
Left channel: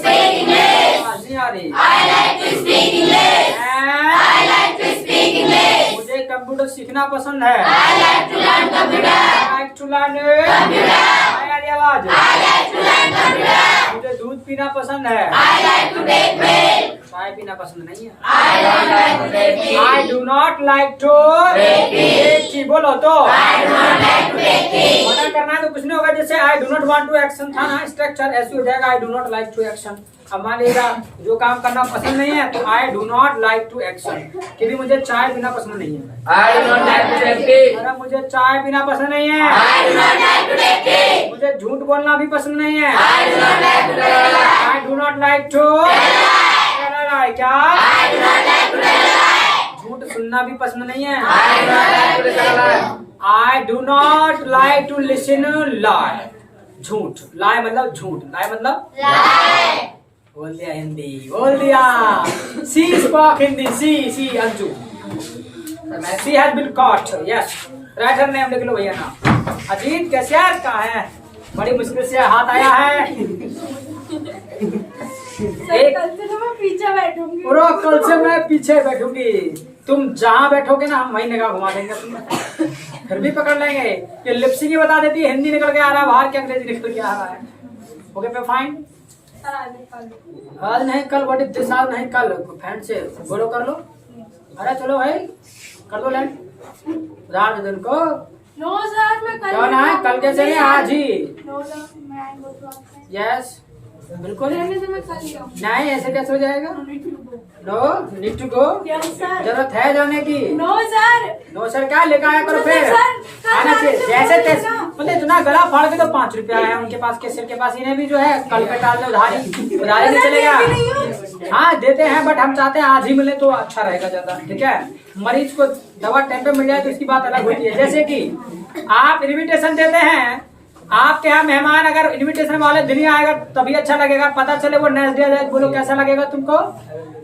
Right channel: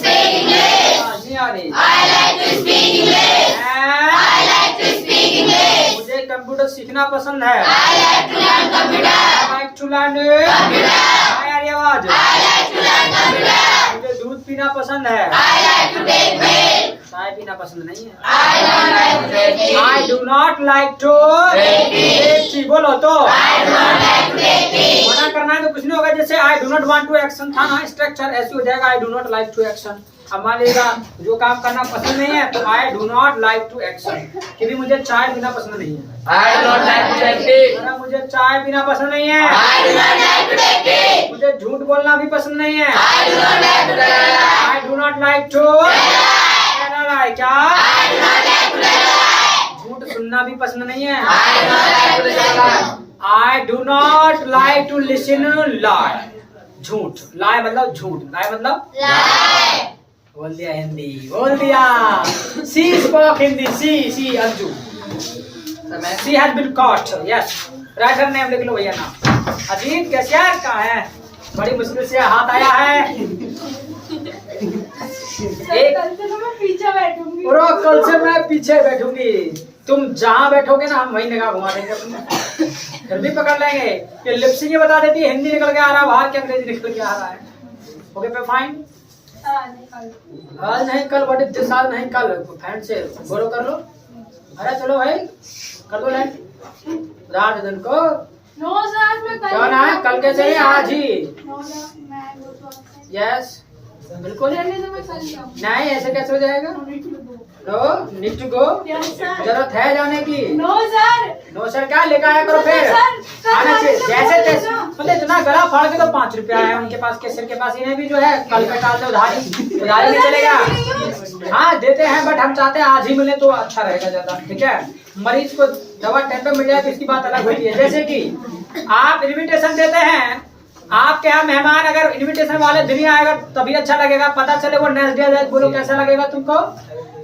Speak English. नहीं आ रही। I like to speak English. I like to speak English. मुझे कंप्यूटर सीखना पसंद है। I like to learn computer. I like to learn. Computer. आ रही आवाज? I like to learn computer. मुझे दूध पीना पसंद है। I like to take milk. चाय पीना पसंद नहीं है। I don't like to take tea. I do not like to Take tea. बोलो तो। I do not like to take tea. मना करना है तो कुछ नहीं होगा। जैसे I do not want to action था ना, स्ट्रक्चर ऐसे हो जाएगा, I do not like to action. अब मान लीजिएगा जो काम करना पसंद नहीं है तो I do not like to action, कि भी मुझे चाय पीना पसंद नहीं है। I do not like to take tea. अरे मुझे चाय पीना पसंद नहीं है। I do not like to take tea. मुझे झूठ बोलना भी पसंद नहीं है। I do not like to tell a lie. I do not like to क्या? I do not like to tell a lie. झूठ सुनना भी पसंद नहीं है। I do not like to tell a lie. I do not like to listen lie. झूठ, lie मतलब झूठ, लाई मतलब Lie. बोल दिया हिंदी, बोल दिया। She spoke Hindi. She Anju. She has been caught. Yes, writer name लिख लो भैया नाम। अजीत कैशियर कहाँ है? बड़ी मुश्किल से हाथ आया है। एक कल से तो मैं पीछे बैठूंगी। कल से मैं पीछे बैठूंगी। तुम जहाँ बैठोगे ना हम वहीं निगाह घुमा देंगे अपनी, फिर भी पकड़ लेंगे कि लिपसिंग ही बता देती है, हिंदी निकल के आ रहा है बाहर के अंग्रेजी निकल के आ रहा है। ओके पे फाइन। आज नहीं कल, बट दिस आज नहीं कल, फैन से बोलो कर लो। अरे चलो भाई कर दो लाइन, रात दिन को नो सर मैं कल क्या ना है, कल कैसे नहीं आज ही। नो सर मैं वो तो आपसे यस बिल्कुल रहने से मैं कल जाऊँ। नहीं, ऐसे कैसे हो जाएगा। No need to go, yes sir. जरूरत है जाने की। No sir. नो सर क्या लेकर आया करो फिर, आना चाहिए जैसे तैसे। मतलब इतना गला फाड़ के तो 5 रुपया है उनके पास, केसर के पास, इन्हें भी जो है कल पे डाल दो उधारी, उधारी नहीं चलेगा। हाँ देते हैं बट हम चाहते हैं आज ही मिले तो अच्छा रहेगा ज्यादा, ठीक है। मरीज को दवा टाइम पे मिल जाए तो इसकी बात अलग होती है। जैसे कि आप इन्विटेशन देते हैं, आपके यहाँ मेहमान अगर इनविटेशन वाले दिन ही आएगा तभी अच्छा लगेगा, पता चले वो नेक्स्ट डे जाए, बोलो कैसा लगेगा तुमको,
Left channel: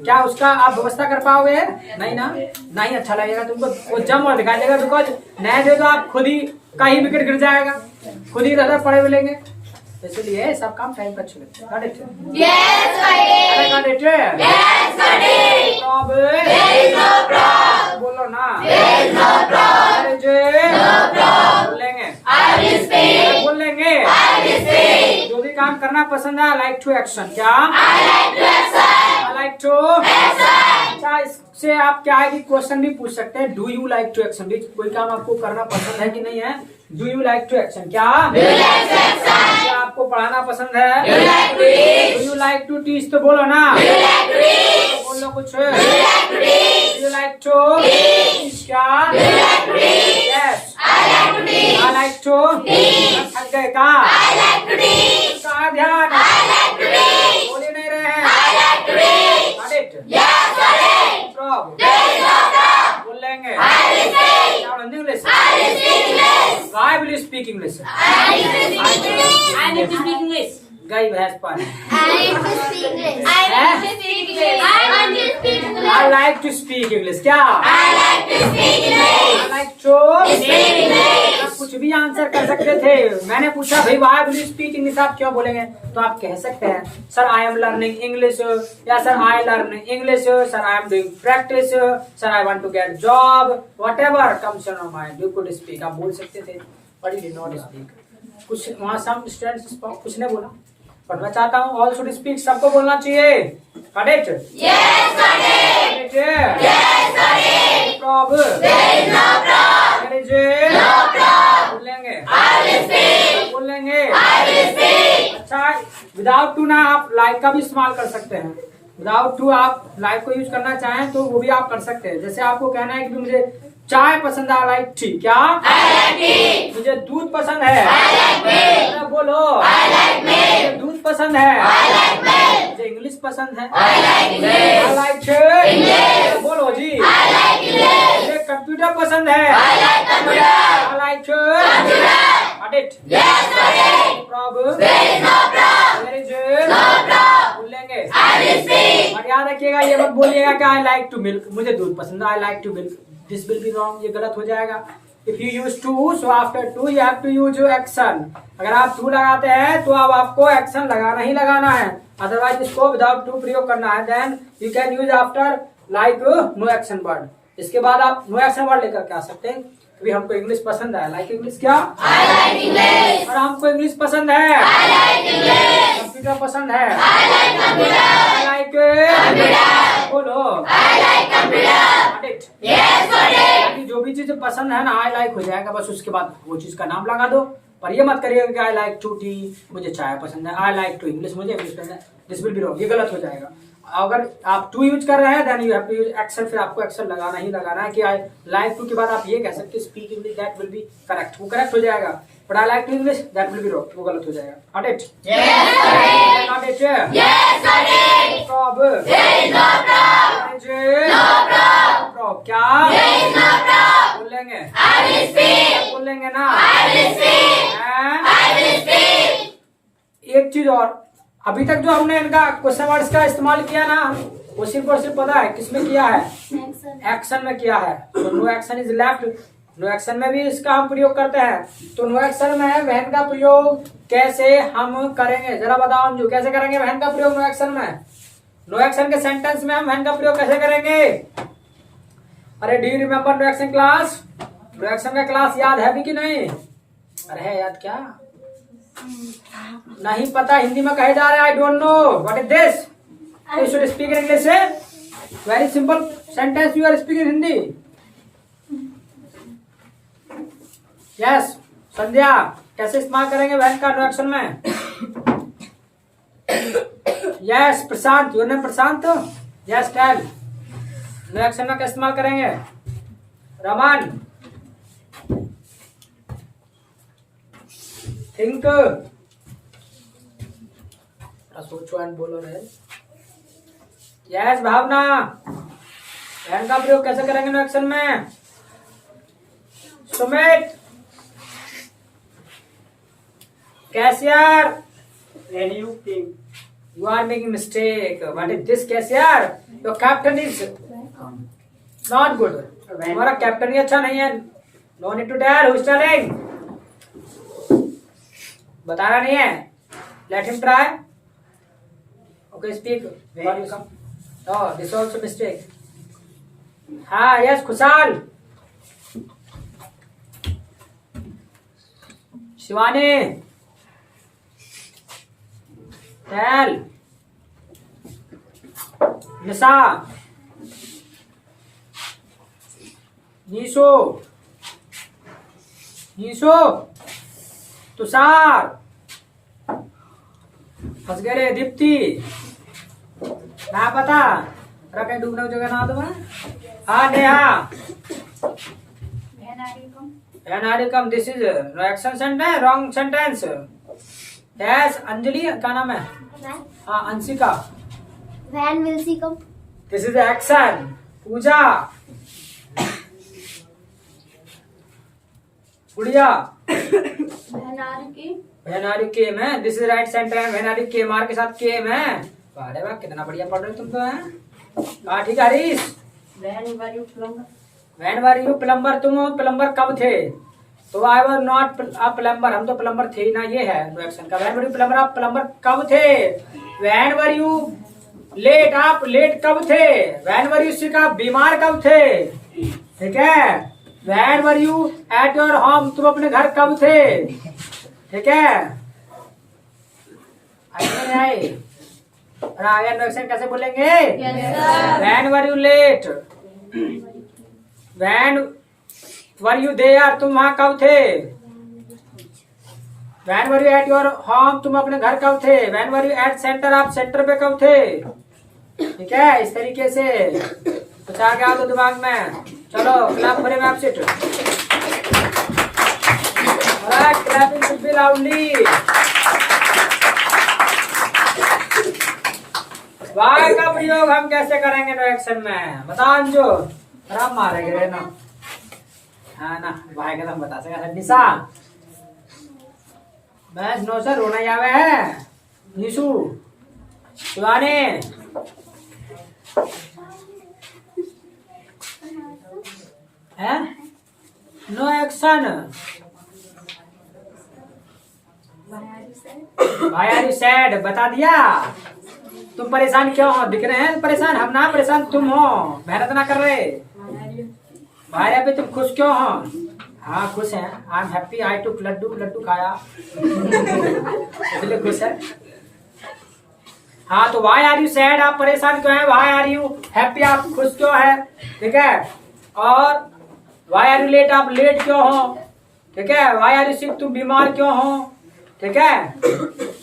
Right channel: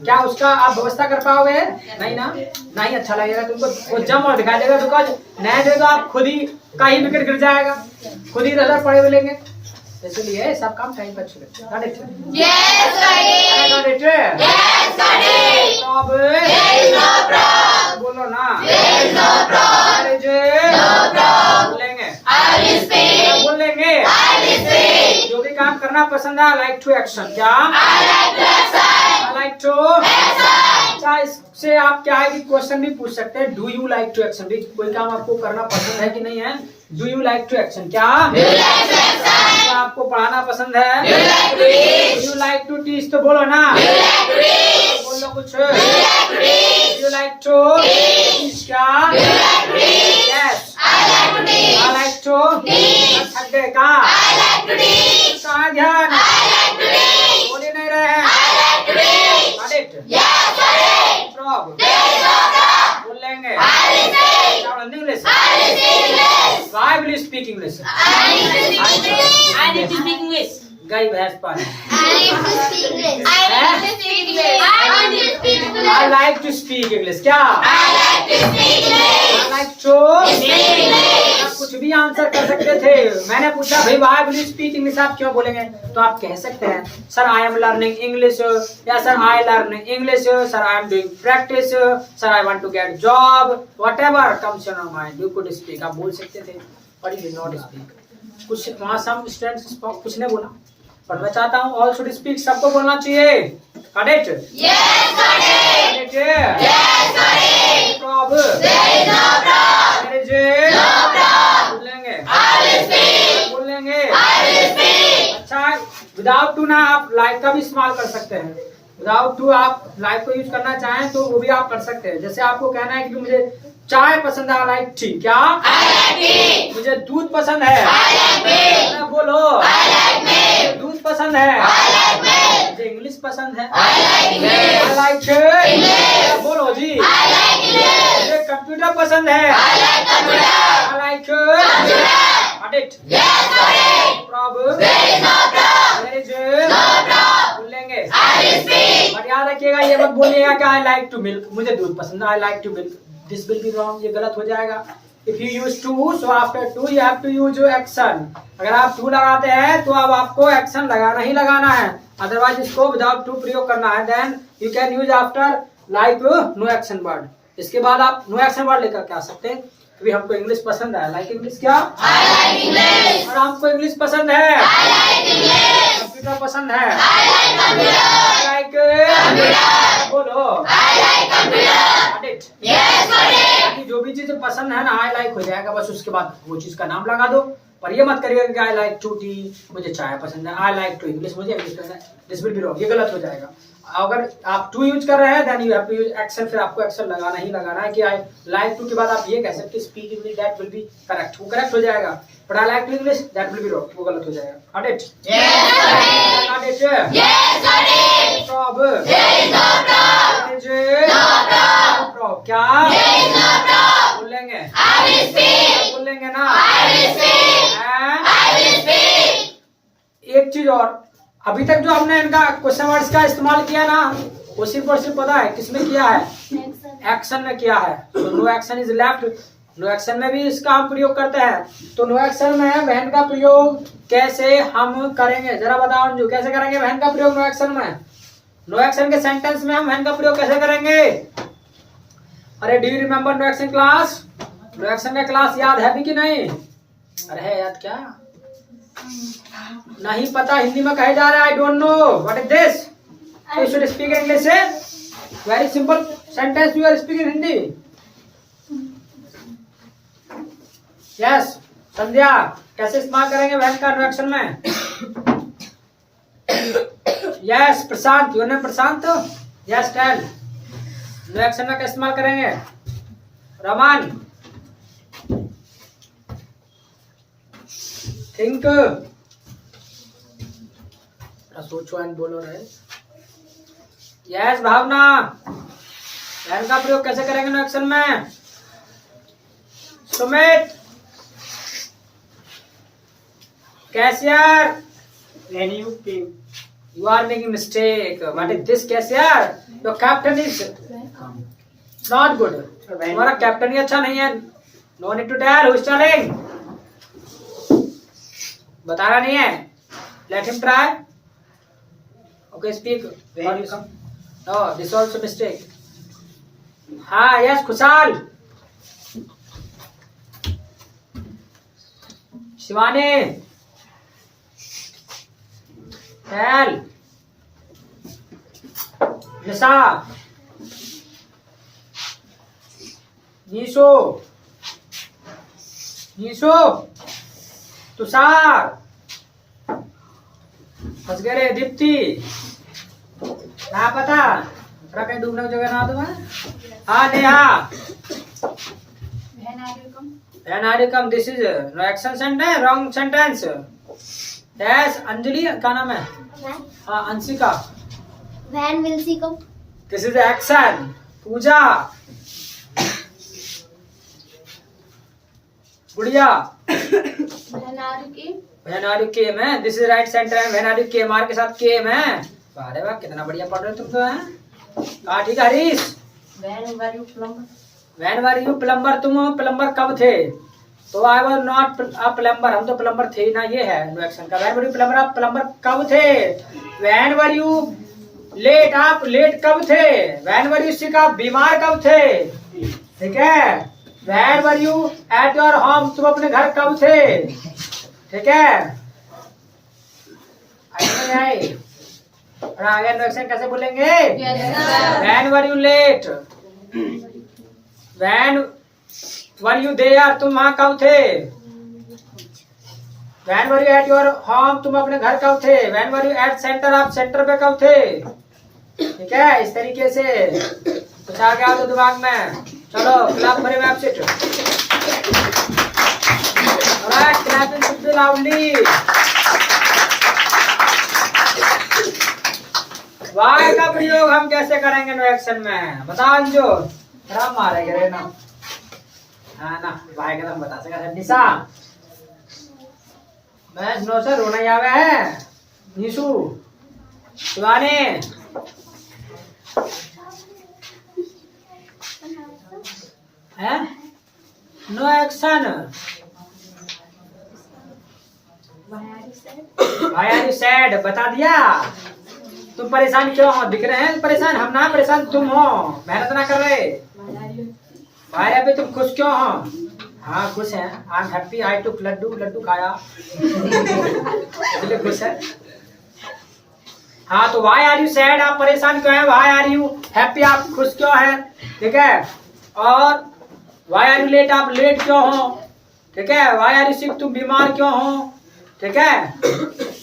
क्या उसका आप व्यवस्था कर पाओगे, नहीं ना, नहीं अच्छा लगेगा तुमको, वो जम और दिखाई देगा। बिकॉज नए दे तो आप खुद ही का ही विकेट गिर जाएगा, खुद ही रह पड़े मिलेंगे, इसलिए सब काम टाइम पर चले। बोलो ना बोलेंगे जो भी काम करना पसंद है, लाइक टू एक्शन। क्या आई लाइक टू। अच्छा इससे आप क्या है कि क्वेश्चन भी पूछ सकते हैं, do you like to action भी, कोई काम आपको करना पसंद है कि नहीं है, do you like to action. क्या आपको पढ़ाना पसंद है, do you like to teach, तो बोलो ना, बोलो कुछ, do you like to teach. क्या यस आई लाइक टू। थक गए कहाँ, कहाँ ध्यान बोल ही नहीं रहे हैं, बोल लेंगे English. Why will you speak English? I need to speak English. गाय भैंस पानी। I like to speak English। क्या I like to कुछ भी आंसर कर सकते थे। मैंने पूछा भाई why will you speak English, आप क्यों बोलेंगे, तो आप कह सकते हैं sir I am learning English, या sir I learn English, sir I am doing practice, sir I want to get job, whatever comes in your mind you could speak। आप बोल सकते थे but you did not speak। कुछ वहाँ some students कुछ नहीं बोला, पर मैं चाहता हूँ all should speak, सबको बोलना चाहिए। Correct? Yes, Correct? Yes, problem? There is no problem. There is No problem. बोलेंगे, I will speak. बोलेंगे। I will speak. अच्छा विदाउट टू ना आप लाइक का भी इस्तेमाल कर सकते हैं, विदाउट टू आप लाइक को यूज करना चाहें तो वो भी आप कर सकते हैं। जैसे आपको कहना है कि मुझे चाय पसंद है, लाइक टी। क्या I like tea. मुझे दूध पसंद है, I like milk. अरे बोलो I like मुझे milk. दूध पसंद है, I like milk. मुझे इंग्लिश पसंद है, I like I English. like English. बोलो जी, I like English. मुझे कंप्यूटर पसंद है, I like computer. I like Computer. audit। Yes, audit. Problem? There is no problem. There is No problem. बोलेंगे। I will speak. और याद रखिएगा ये मत बोलिएगा कि आई लाइक टू मिल्क, मुझे दूध पसंद है, I like to milk, this will be wrong, ये गलत हो जाएगा। If you use to so after to you have to use action. अगर आप टू लगाते हैं तो अब आपको एक्शन लगाना ही लगाना है, अदरवाइज इसको विदाउट टू प्रयोग करना है। Then you can use after like no action word. इसके बाद आप नो एक्शन वर्ड लेकर के आ सकते हैं, क्योंकि हमको इंग्लिश पसंद है, लाइक इंग्लिश। क्या I like English. और हमको इंग्लिश पसंद है, I like English. कंप्यूटर पसंद है, I like computer. Like Computer. बोलो I like computer. audit। Yes, audit. ताकि जो भी चीज पसंद है ना आई लाइक हो जाएगा, बस उसके बाद वो चीज का नाम लगा दो। पर ये मत करिएगा कि आई लाइक टू टी, मुझे चाय पसंद है, आई लाइक टू इंग्लिश, मुझे इंग्लिश पसंद है, दिस विल बी रॉन्ग, ये गलत हो जाएगा। अगर आप टू यूज कर रहे हैं then you have to use action, फिर आपको एक्शन लगाना ही लगाना है। कि आई लाइक टू के बाद आप ये कह सकते हैं speak English, that will be correct, वो करेक्ट हो जाएगा। But I like to English that will be wrong, वो गलत हो जाएगा। Audit Yes, audit. Audit Yes, audit. Problem There is no problem. No problem. क्या There is no problem. बोलेंगे, I will speak. बोलेंगे ना, I will speak. हैं? I will speak. एक चीज और, अभी तक जो हमने इनका क्वेश्चन वर्ड्स का इस्तेमाल किया ना, वो सिर्फ और सिर्फ पता है किसमें किया है, एक्शन में किया है। तो no action is left, no action में भी इसका हम प्रयोग करते हैं। तो नो एक्शन में वहन का प्रयोग कैसे हम करेंगे, जरा बताओ अंजू, कैसे करेंगे वहन का प्रयोग नो एक्शन में? नो एक्शन के सेंटेंस में हम वहन का प्रयोग कैसे करेंगे? अरे do you remember no action class? No action का क्लास याद है भी कि नहीं? अरे है याद क्या? नहीं पता हिंदी में कहे जा रहे हैं I don't know what is this? You should speak in English say very simple sentence you are speaking Hindi. Yes Sandhya कैसे इस्तेमाल करेंगे वैन का नो एक्शन में? Yes Prashant your name Prashant? Yes tell no action में कैसे इस्तेमाल करेंगे? रमान थिंक सोचो एंड बोलो रहे. यस भावना वैन का प्रयोग कैसे करेंगे नो एक्शन में? Sumit cashier When you came, you are making mistake. What is this cashier? Your captain is not good. तुम्हारा कैप्टन ही अच्छा नहीं है. No need to tell who is telling. बताना नहीं है. Let him try. Okay, speak. Where you come? No, this is also mistake. हाँ, yes, Khushal. Shivani. Tell. निशा. नीशो. नीशो. तुषार. फंस गए रे दीप्ति. ना पता रहा कहीं डूबने की जगह ना तुम्हें. हाँ Neha. When are you come? This is no action sentence. Wrong sentence. Yes Anjali क्या नाम है? हाँ Anshika. When will she come? This is action. पूजा. गुड़िया. When are you came है? This is right sentence. When are you came are के साथ came है. अरे वाह कितना बढ़िया पढ़ रहे हो तुम तो हैं. हाँ ठीक है Harish. when were you plumber? When were you plumber? तुम प्लम्बर कब थे? तो I was not a plumber. हम तो प्लम्बर थे ही ना. ये है नो एक्शन का. वैन वर यू प्लम्बर आप प्लम्बर कब थे? वैन वर यू लेट आप लेट कब थे? वैन वर यू सिक आप बीमार कब थे? ठीक है. When were you at your home तुम अपने घर कब थे? ठीक है. आगे नो एक्शन कैसे बोलेंगे? When were you late. When were you there तुम वहां कब थे? When were you at your home तुम अपने घर कब थे? When were you at centre आप सेंटर पे कब थे? ठीक है. इस तरीके से कुछ आ गया आपके दिमाग में. चलो क्लैप करेंगे आप sit. Alright clapping should be loudly. Why का प्रयोग हम कैसे करेंगे नो एक्शन में? बता अंजो. राम मारेंगे रे ना. हाँ ना भाई का बता सका. निशा मैं नो सर रोना ही आवे है. निशु शिवानी है no action. Why are you sad? बता दिया. तुम परेशान क्यों हो? दिख रहे हैं परेशान. हम ना परेशान तुम हो. मेहनत ना कर रहे. भाई पे तुम खुश क्यों हो? हाँ खुश हैं. I am happy. I took laddu. लड्डू खाया इसलिए खुश है. हाँ तो वाई आर यू सैड आप परेशान क्यों हैं? वाई आर यू हैप्पी आप खुश क्यों है? ठीक है. और वाई आर यू लेट आप लेट क्यों हो? ठीक है. वाई आर यू सिक तुम बीमार क्यों हो? ठीक है.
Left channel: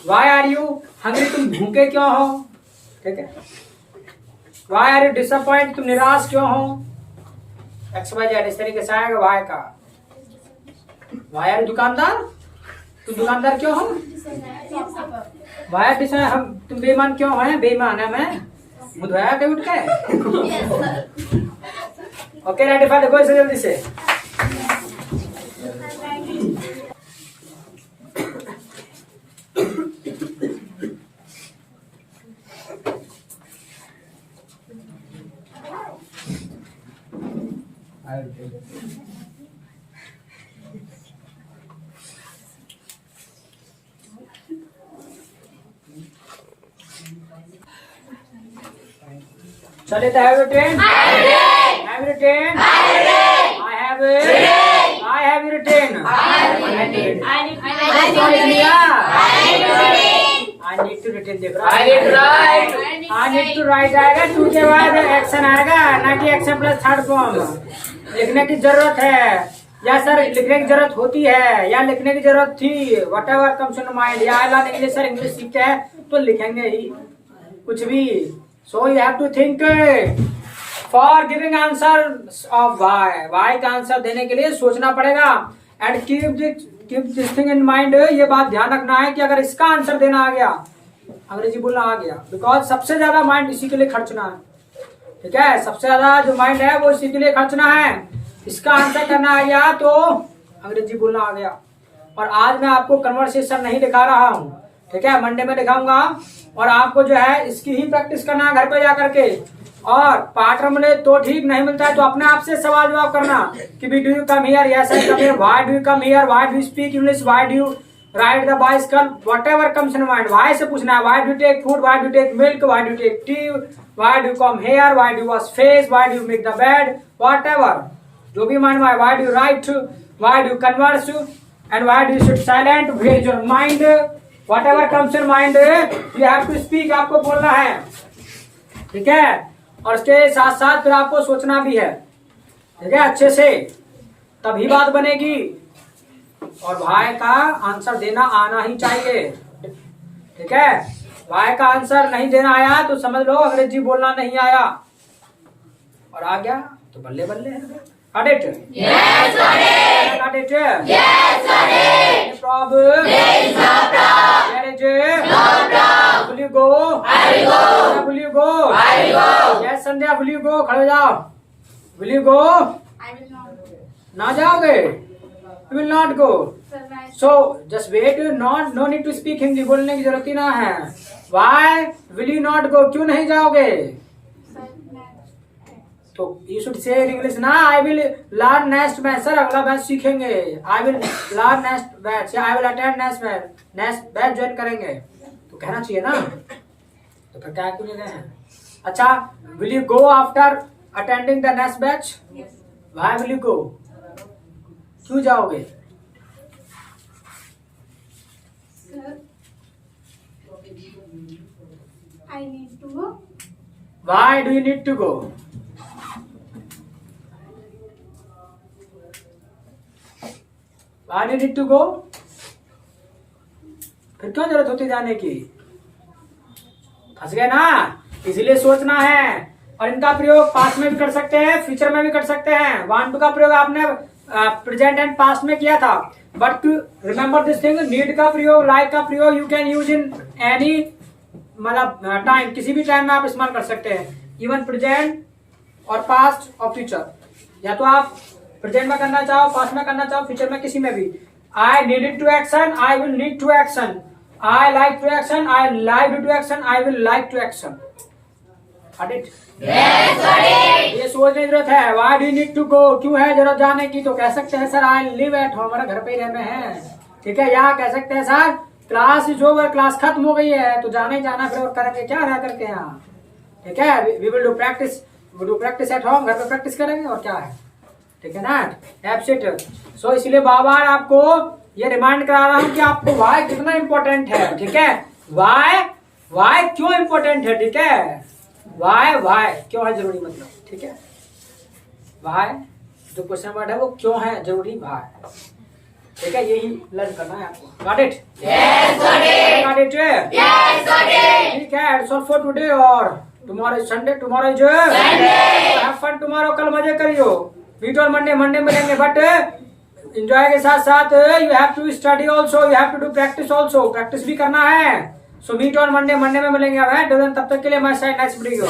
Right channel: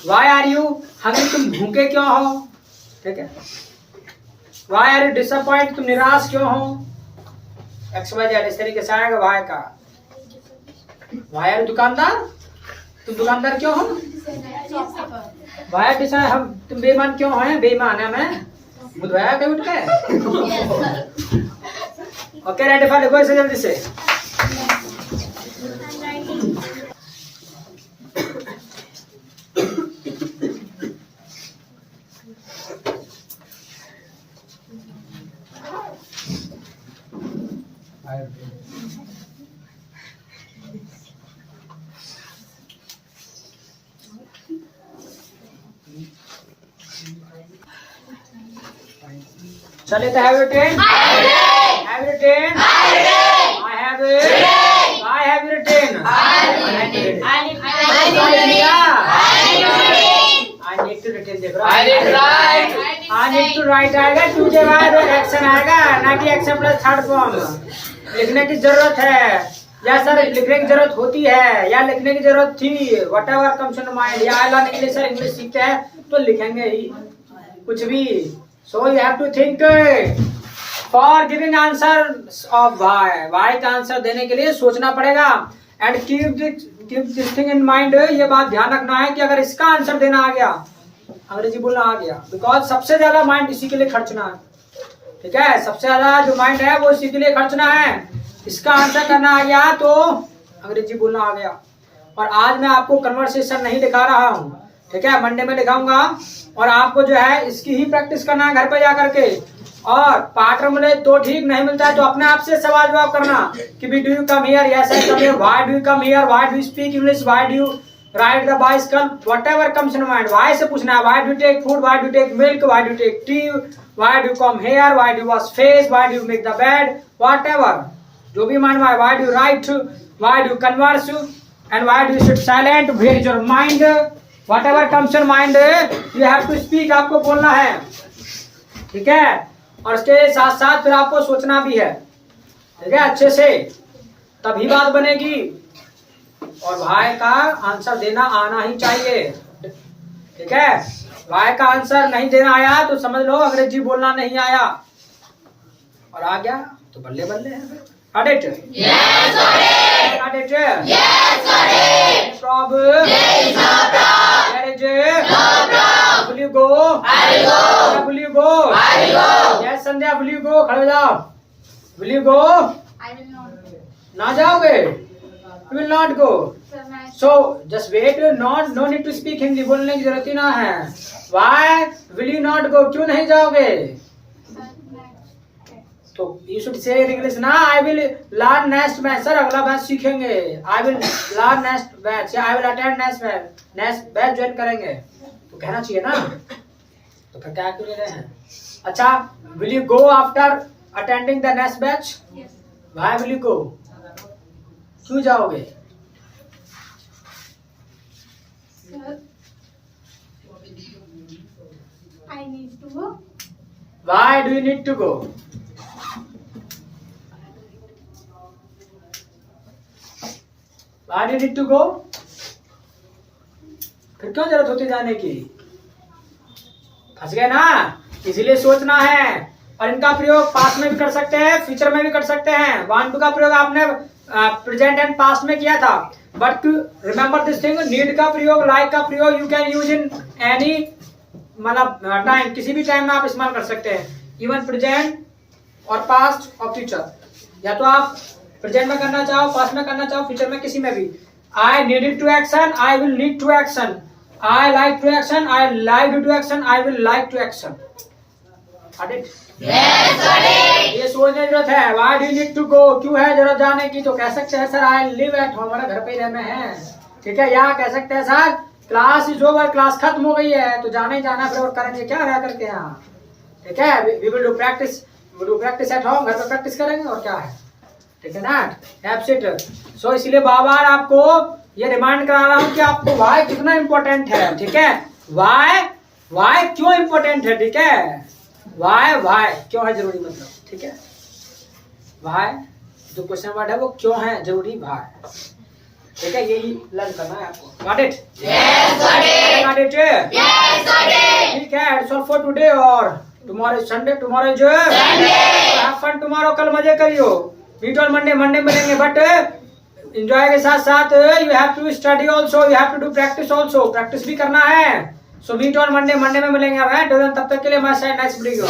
वाई आर यू हंग्री तुम भूखे क्यों हो? ठीक है. वाई आर यू डिसअपॉइंट तुम निराश क्यों हो? एक्स वाई जेड इस तरीके से आएगा वाई का. वाई आर यू दुकानदार तुम दुकानदार क्यों हो? वाई आर डिसा हम तुम बेईमान क्यों हैं? बेईमान है मैं बुधवाया के उठ के. ओके रेडी फॉर देखो इसे जल्दी से. चलिए तो have you train. Have you written? I have you written? I need I need to written देख रहा I need to write. I need to write आएगा, टू के बाद एक्शन आएगा, ना कि एक्शन प्लस थर्ड फॉर्म। लिखने की जरूरत है या सर लिखने की जरूरत होती है या लिखने की जरूरत थी, what ever comes in mind. या अल्लाह ने इंग्लिश सर इंग्लिश सीखते हैं तो लिखेंगे ही कुछ भी। So you have to think for giving answer of why का आंसर देने के लिए सोचना पड़ेगा। And keep this thing in mind, ये बात ध्यान रखना है कि अगर इसका आंसर देना आ गया, अंग्रेजी बोलना आ गया, बिकॉज सबसे ज्यादा माइंड इसी के लिए खर्चना है, ठीक है। सबसे ज्यादा जो माइंड है वो इसी के लिए खर्चना है। इसका आंसर करना आ गया तो अंग्रेजी बोलना आ गया। और आज मैं आपको कन्वर्सेशन नहीं दिखा रहा हूँ, ठीक है, मंडे में दिखाऊंगा। और आपको जो है इसकी ही प्रैक्टिस करना है घर पे जा करके। और पार्टनर मिले तो ठीक, नहीं मिलता है तो अपने आप से सवाल जवाब करना कि be do you come here, yes I come here, why do you come here, why do you speak English, why do you ride the bicycle, whatever comes in mind. Why से पूछना है, why do take food, why do take milk, why do take tea, why do come here, why do wash face, why do make the bed, whatever जो भी mind में, why do right, why do converse and why do sit silent, भेज your mind, whatever comes in mind you have to speak, आपको बोलना है, ठीक है। और इसके साथ साथ फिर आपको सोचना भी है, ठीक है, अच्छे से, तभी बात बनेगी। और भाई का आंसर देना आना ही चाहिए, ठीक है। भाई का आंसर नहीं देना आया तो समझ लो अंग्रेजी बोलना नहीं आया, और आ गया तो बल्ले बल्ले है। Got it? Yes, got it. Got it? Yes, got it. Any problem? There is no problem. Where is it? No problem. Will you go? I will go. Sandhya, will you go? I will go. Yes, Sandhya, will you go? खड़े हो जाओ। Will you go? I will not. ना जाओगे? You will not go. Sir, मैं So just wait. No need to speak Hindi. बोलने की जरूरत ही ना है। Why will you not go? क्यों नहीं जाओगे? सर मैं तो you should say in English ना, I will learn next batch. Sir अगला बैच सीखेंगे, I will learn next batch या I will attend next batch join करेंगे, तो कहना चाहिए ना। तो फिर क्या क्यों ले रहे हैं? अच्छा, will you go after attending the next batch? Why will you go? क्यों जाओगे? Sir I need to go. Why do you need to go? Why do you need to go? फिर क्यों जरूरत होती जाने की? फंस गए ना, इसीलिए सोचना है। और इनका प्रयोग पास्ट में भी कर सकते हैं, फ्यूचर में भी कर सकते हैं। वांट टू का प्रयोग आपने प्रेजेंट एंड पास्ट में किया था, but remember this thing, need का प्रयोग, लाइक का प्रयोग you can use in any मतलब टाइम, किसी भी टाइम में आप इस्तेमाल कर सकते हैं, इवन प्रेजेंट और पास्ट और फ्यूचर। या तो आप प्रेजेंट में करना चाहो, पास्ट में करना चाहो, फ्यूचर में, किसी में भी। I needed to action, I will need to action, I like to action, I like to action, I will like to action. Yes, got it. ये सोचने की जरूरत है। Why do you need to go? क्यों है जरूरत जाने की? तो कह सकते हैं sir I live at home, हमारा घर पे ही रहना है, ठीक है। या कह सकते हैं sir class is over, class खत्म हो गई है तो जाना ही जाना, फिर और करेंगे क्या रह करके यहाँ, ठीक है। We will do practice at home, घर पे प्रैक्टिस करेंगे और क्या है, ठीक है ना। एब्सेंट। सो इसलिए बार बार आपको ये रिमाइंड करा रहा हूँ कि आपको वाई कितना इंपॉर्टेंट है, ठीक है। वाई क्यों इंपॉर्टेंट है, ठीक है। वाई क्यों है जरूरी, मतलब, ठीक है। वाई जो क्वेश्चन वर्ड है वो क्यों है जरूरी, वाई, ठीक है। यही लर्न करना है आपको। Got it? Yes, got it. Got it? Yes, got it. ठीक है। It's all for today. और टुमारो संडे, टुमारो जो हैव फन टुमारो, कल मजे करियो। मीट ऑन मंडे मिलेंगे, बट एंजॉय के साथ साथ you have to study also, you have to do practice also, practice भी करना है। सो मीट ऑन मंडे में मिलेंगे। अब है तब तक के लिए हमारे साथ नेक्स्ट वीडियो।